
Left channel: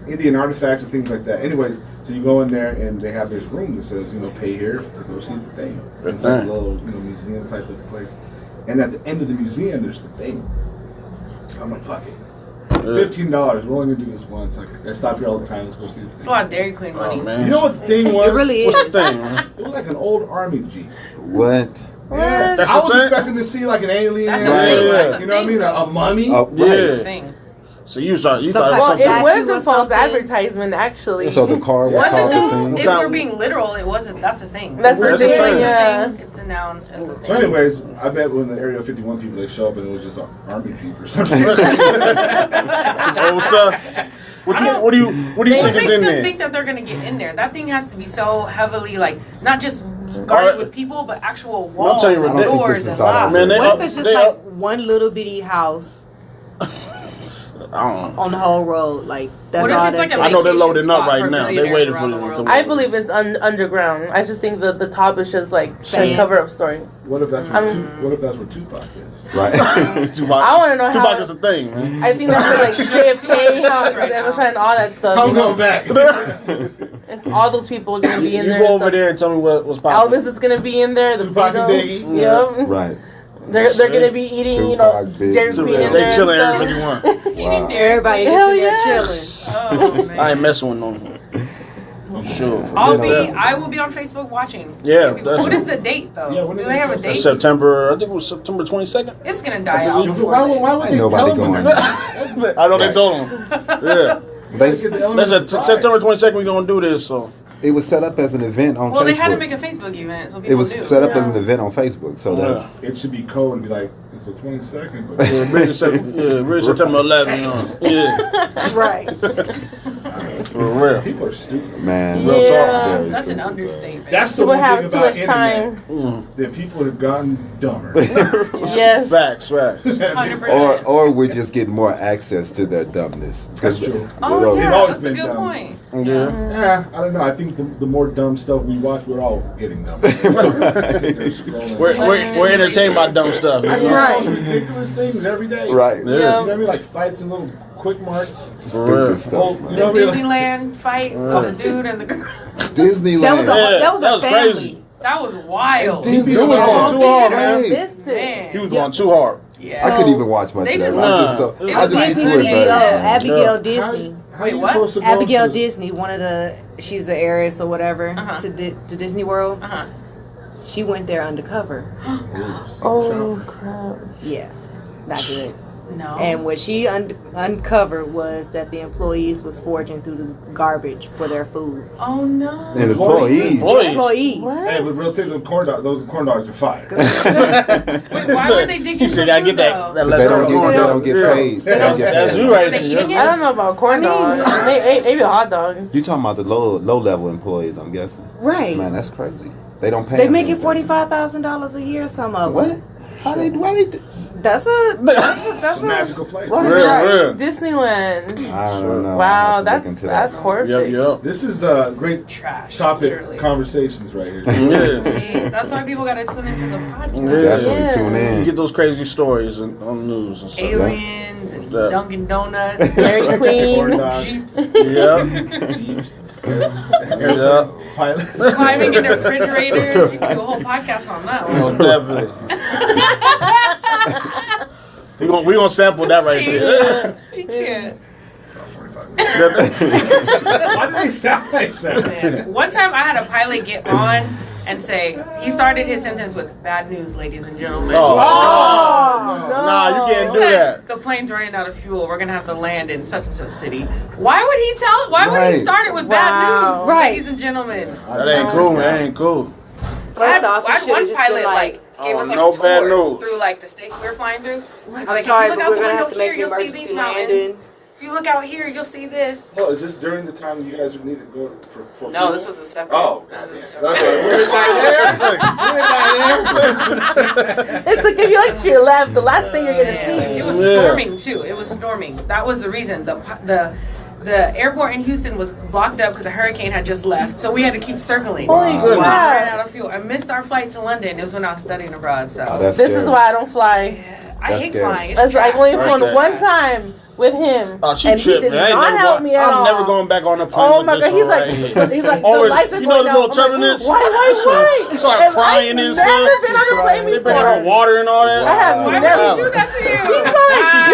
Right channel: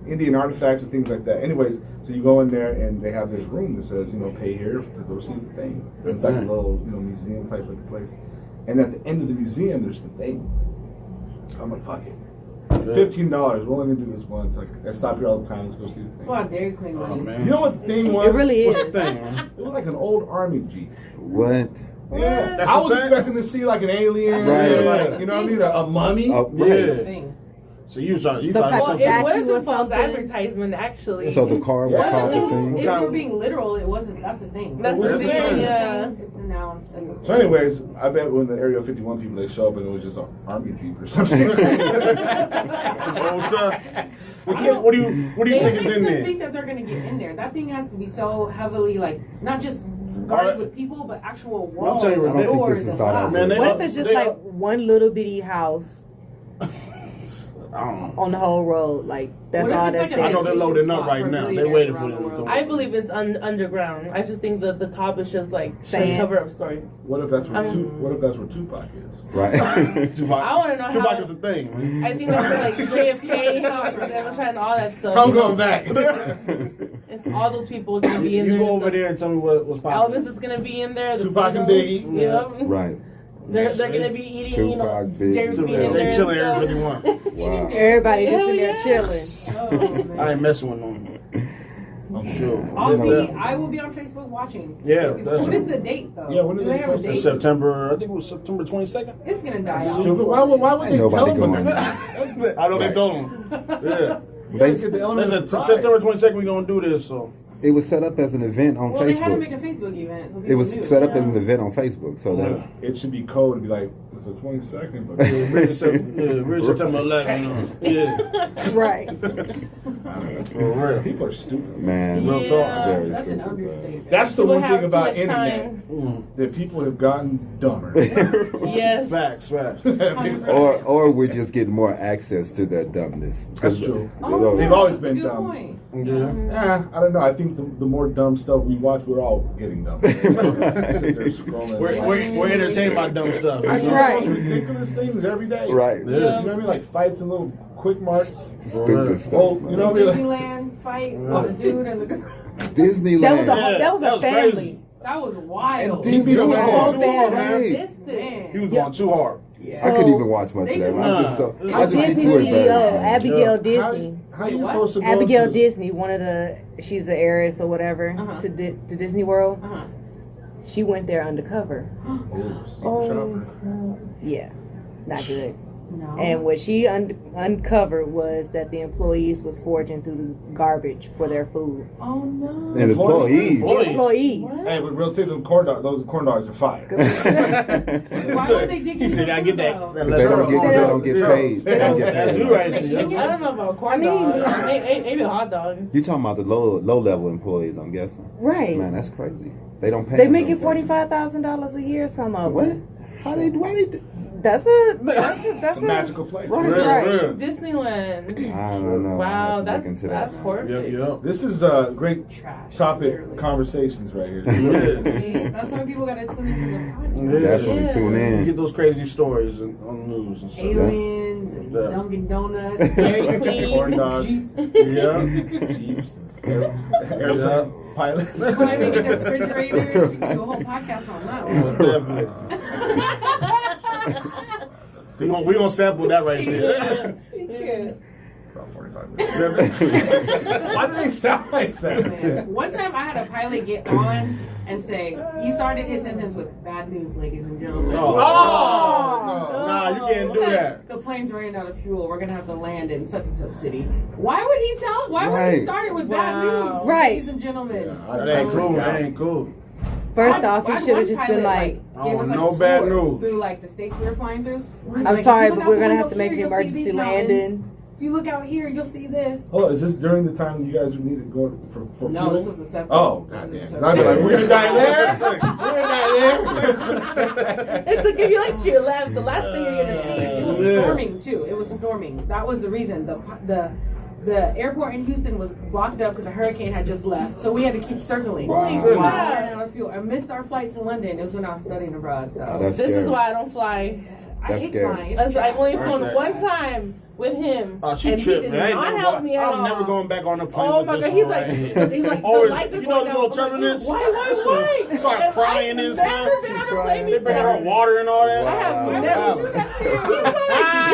Indian artifacts and things like that. Anyways, so you go in there and they have this room that says pay here to go see the Thing. It's like a little museum type of place. And at the end of the museum, there's the Thing. I'm like, fuck it. $15. We're only gonna do this once. Like, I stop here all the time. Let's go see the It's a Thing. lot of Dairy Queen money. Oh, man. You know what the Thing was? It really is. What's the thing, man? It was like an old army jeep. What? Yeah, That's I the was thing? expecting to see like an alien, That's a thing. Right. you know what I mean, a mummy. Oh, Yeah. right. That's the thing. So you thought Some type Well, of it statue was or a false something. advertisement, actually. So the car was Wasn't called the it? Thing. If we're being literal, it wasn't. That's a thing. That's the It's thing, a yeah. thing. It's a noun. It's a So, thing. anyways, I bet when the Area 51 people they show up and it was just an army jeep or something. old stuff. What do you What think is makes in them there? think that they're gonna get in there? That thing has to be so heavily, like, not just guarded with people, but actual walls, telling you, and I don't think doors, this is and thought out. locks. Man, they- What if it's just They- like one little bitty house I don't know. on the whole road. Like that's What if all it's that's like a I know they're vacation loading up spot right for now. They billionaires waiting around for the them to world? come. I believe it's underground. I just think the top is just like a Sand. cover-up story. What if that's where Tupac is? Right. Tupac, I want to know Tupac how. is the thing, man. I think that's where, like JFK, and all that stuff. I'm going back. And all those people are gonna be in You there. go and over stuff. there and tell me what's popping. Elvis is gonna be in there. The Tupac and Beatles. Biggie. Yep. Right. They're gonna be eating, Tupac, Biggie. Jerry Queen in They there. chilling and every stuff. 51. Wow. everybody just Hell in there yeah. chilling. Oh, man. I ain't messing with them. I'm sure. I will be on Facebook watching. Yeah, See people. that's What it. is the date though? Yeah, when Do is they it have a supposed to date? September, I think it was September 22nd. It's gonna die out. Stupid. Why would Ain't they nobody tell them going. that? I know they Right. told them. Yeah. They, They said September 22nd we gonna do this, so. it was set up as an event on Well, Facebook. they had to make a Facebook event so people It was knew. set up as an event on Facebook, so that's It should be code and be like, it's the 22nd. But Yeah, really September 11th. Yeah. Right. For real. people are stupid. man. Real talk. Yeah. Very That's an stupid, understatement. That's the People one have thing too about much internet. time. That people have gotten dumber. Yes. Facts. 100%. or we're just getting more access to their dumbness. 'Cause That's true. Oh, They've yeah, always that's a been good dumb. point. Yeah. Yeah, I don't know. I think the more dumb stuff we watch, we're all getting dumber. Sit there scrolling. We're entertained by dumb stuff. I see Right. the most ridiculous things every day. Right. Yeah. You know what I mean? Like fights and little quick marks. Stupid stuff. Whole, man. you The know what I mean? Disneyland fight with the dude and the girl. Disneyland. That was a family. crazy. That was wild. Disneyland. He was going too hard, man. Right. He was Man. going too hard. Yeah. I couldn't even watch much They of that. just- I'm just so. Nah. I just get Disney to it, CEO, but Abigail Disney. How Wait, you what? supposed to go Abigail to Disney, one of she's the heiress or whatever Uh-huh. to Disney World. Uh-huh. She went there undercover. Oh crap. Yeah, not good. No. And what she uncovered was that the employees was foraging through the garbage for their food. Oh no. and employees. Employees. Employees. Hey, but real take them corn dogs. Those corn dogs are fire. Wait, why were they digging He for said, "Gotta food get though? that." They don't get paid. They don't get That's paid. you right They eating there. I don't know about corn dogs. Maybe a hot dog. You talking about the low level employees? I'm guessing. Right. Man, that's crazy. They don't pay. They them making anything. $45,000 a year. Some of What? them. How they? Why they? That's It's a a magical place. Right. Real. Disneyland. I don't know. I'll Wow, have to look into that's that. horrific. Yep. This is great Trash. topic literally. conversations right here. Yeah. See, that's why people gotta tune into the podcast. Yeah. Definitely Yeah. tune You in. get those crazy stories on the news and stuff. Aliens and Yeah. Dunkin' Donuts, Dairy Corn Queen. dogs. Jeeps, Yeah. Jeeps. Yeah. Pilots. climbing in the refrigerator. You can do a whole podcast on that Oh, one. definitely. we gonna sample that right there. You can't. Why do they sound like that? Man. One time I had a pilot get on and say, he started his sentence with, "Bad news, ladies and gentlemen." Oh. Oh, no. Nah, you can't do Said, that. "The plane's running out of fuel. We're gonna have to land in such and such city." Why would he tell? Why would Right. he start it with Wow. bad news, Right. ladies and gentlemen? That ain't cool, man. That ain't cool. First off, I you had should one have just pilot been like, gave Oh, us like no a bad tour news. through like the states we were flying through. I'm Like, if sorry, you look but out we're the gonna window have to make here, an you'll see emergency these mountains. landing. If you look out here, you'll see this. Oh, is this during the time you guys would need to go for No, fuel? this was a separate. Oh, this was a goddamn. separate- We're not there. It's like if you like to your left, the last thing you're gonna Yeah, see. it was Yeah. storming too. It was storming. That was the reason. The airport in Houston was blocked up because a hurricane had just left, so we had to keep circling. Holy We goodness. ran out of fuel. I missed our flight to London. It was when I was studying abroad. So Oh, that's This scary. is why I don't fly. I That's hate scary. flying. It's That's like trash. only Right flown there. one time with him, Oh, she and he tripped, did man. I ain't not never help going, me at I'm all. never going back on the plane. Oh with my this god, he's one like, right here. he's like, Oh, the lights are you going know the little down. I'm like, turbulence? Why? You start crying and stuff. I've never been on a plane They bring her before. water and all that. I have Why would never. he do that to you?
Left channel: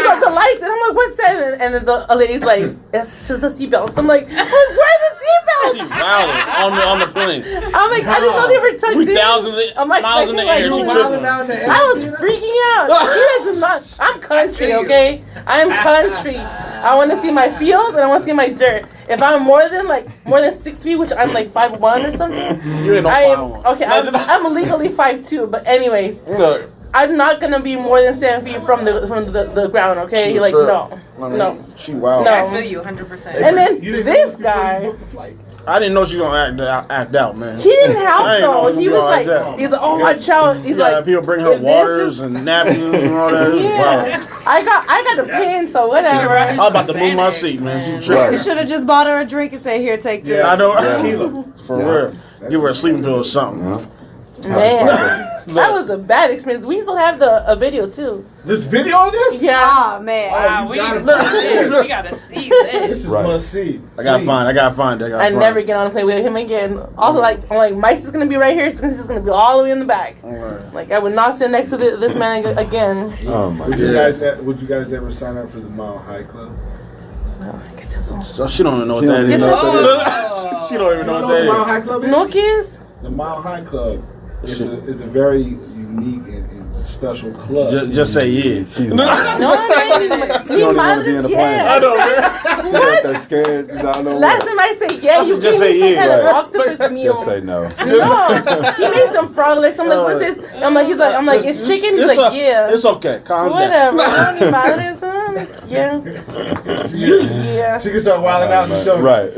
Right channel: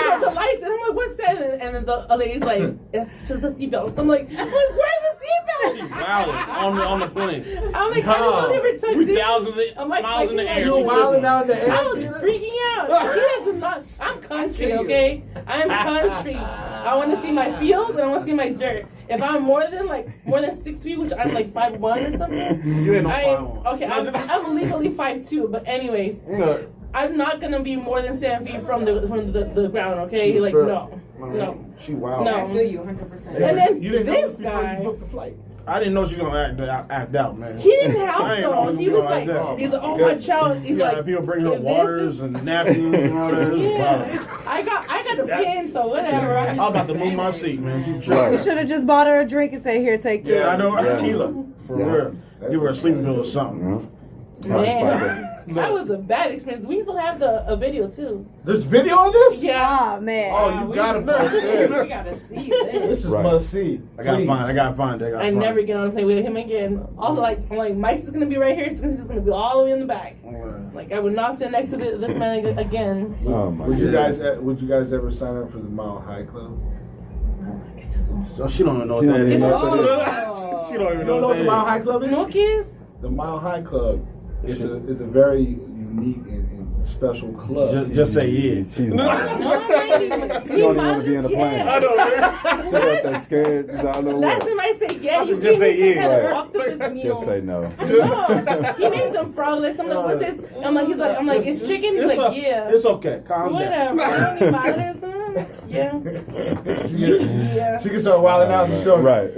He's like the lights, and I'm like, what's that? And then the lady's like, it's just a seatbelt. I'm like, where's the She seatbelt? wilding on the plane. I'm like, I didn't know they were tucked We in. thousands I'm like, miles in the like, air. you She wilding tripping. out in the air. I was freaking out. She does not. I'm country, okay? I'm country. I want to see my fields and I want to see my dirt. If I'm more than 6 feet, which I'm like 5'1" or something, You ain't no I am 5'1". okay. I'm legally 5'2", but anyways, Look, I'm not gonna be more than 7 feet from the ground, okay? she Like tripped. no, I mean, no. She wild. No. I feel you 100%. And then You didn't know this this before guy- you booked the flight. I didn't know she was gonna act out, man. He didn't help I didn't know though. he He was was like like, that. he's like, oh my child. He's like, People bring her if this waters is- and napkins and all that. It was Yeah, wild. I got a pin, so whatever. I was about to move my seat, man. She You tripped. should have just bought her a drink and said, "Here, take this." I know. Yeah. Tequila. For Yeah. real. Give her a sleeping pill or something. Yeah. Man, that was a bad experience. We still have a video too. There's video of this? Yeah. Oh man. Wow, you we gotta gotta see see this. this. We gotta see This this. is Right. must see. I gotta Please. find it. I never get on a plane with him again. Also, like, I'm like, Mike's is gonna be right here, so he's gonna be all the way in the back. Like, I would not sit next to this man again. Oh my Would you God. guys ever sign up for the Mile High Club? ¿Qué es eso? So she don't even know what She that don't is. even know what Oh. She don't even You know don't know what what the Mile that High Club is? No kids? The Mile High Club is a very unique and special club. is. Just say yeah. She's not. No, I didn't. She don't even want to be in the plane. I know, man. She got that scared. I don't know Last what. time I say yeah, you Just gave say me some yeah, kind of right. octopus meal. Just say no. No, he made some frog legs. I'm like, what's this? I'm like, it's chicken. He's like, yeah. It's okay. Calm Whatever. down. Don't bother this, Yeah. Yeah. She can start wilding out and show. Right.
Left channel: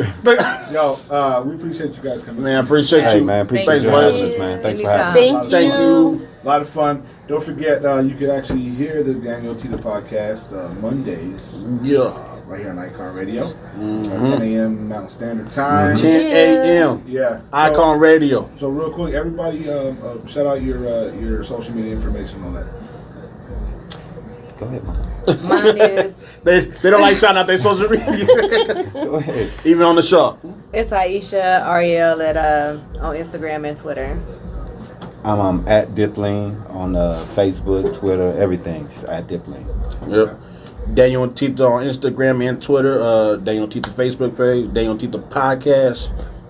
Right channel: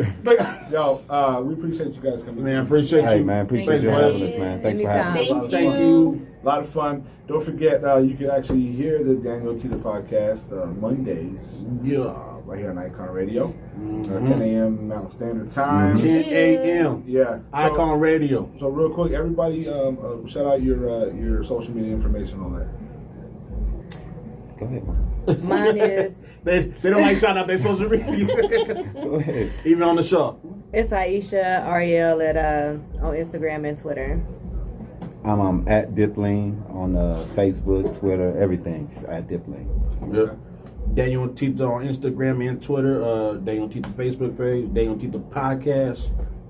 Yo, we appreciate you guys coming. Man, I appreciate Hey you. man, appreciate Thank you you. having us, man. Thanks for having us. Thank A you. lot of fun. Don't forget, you can actually hear the DanYo&Tita podcast Mondays Yeah. right here on IKON Radio, 10 a.m. Mountain Standard Time. 10 a.m. Yeah. IKON Radio. So real quick, everybody, shout out your social media information on that. Go ahead, Mom. Mine is They don't like shouting out their social media. Go ahead. Even on the show. it's Aisha Ariel at on Instagram and Twitter. I'm at Dipling on Facebook, Twitter, everything. Just at Dipling. Yep. DanYo&Tita on Instagram and Twitter. DanYo&Tita Facebook page. DanYo&Tita podcast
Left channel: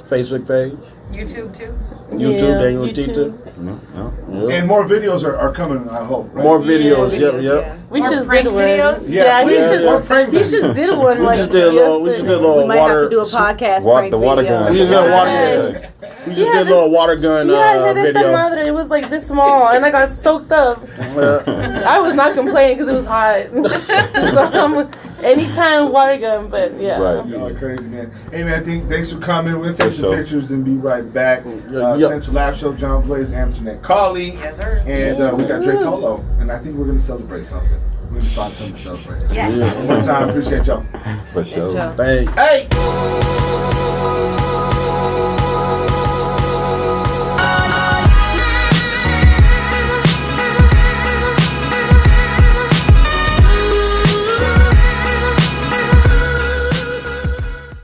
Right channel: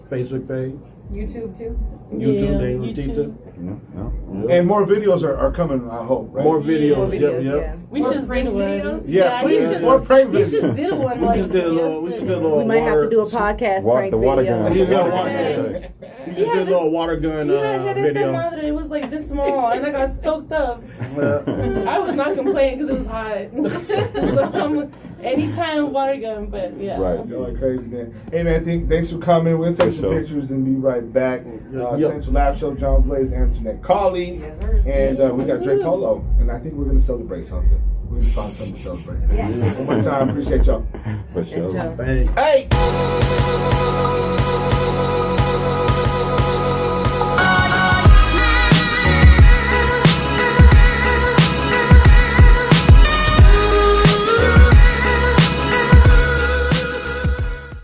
Facebook page. YouTube too. YouTube, Yeah, DanYo&Tita. YouTube. Yeah. Yep. And more videos are coming, I hope, right? More videos. More Yep, videos, yep. yeah. We More just prank did one. videos? Yeah, he please. just, More prank he videos. just did one. We Like, just did a little yesterday. We might have to do a podcast prank The water video. gun. We just did a water Yeah. gun. We just did a little water gun Yeah, video. madre. It was like this small, and I got soaked up. I was not complaining because it was hot. So, anytime water gun, but yeah. Right. Y'all are crazy, man. Hey, man, thanks for coming. We'll take For some sure. pictures and be right back. Yep. Central Live Show, John Blaze, Antoinette Colley. Yes, sir. And we got Drake Polo. And I think we're going to celebrate something. We're going to find something to celebrate. Yes. One more time. Appreciate y'all. For sure. Sure. Thanks. Hey!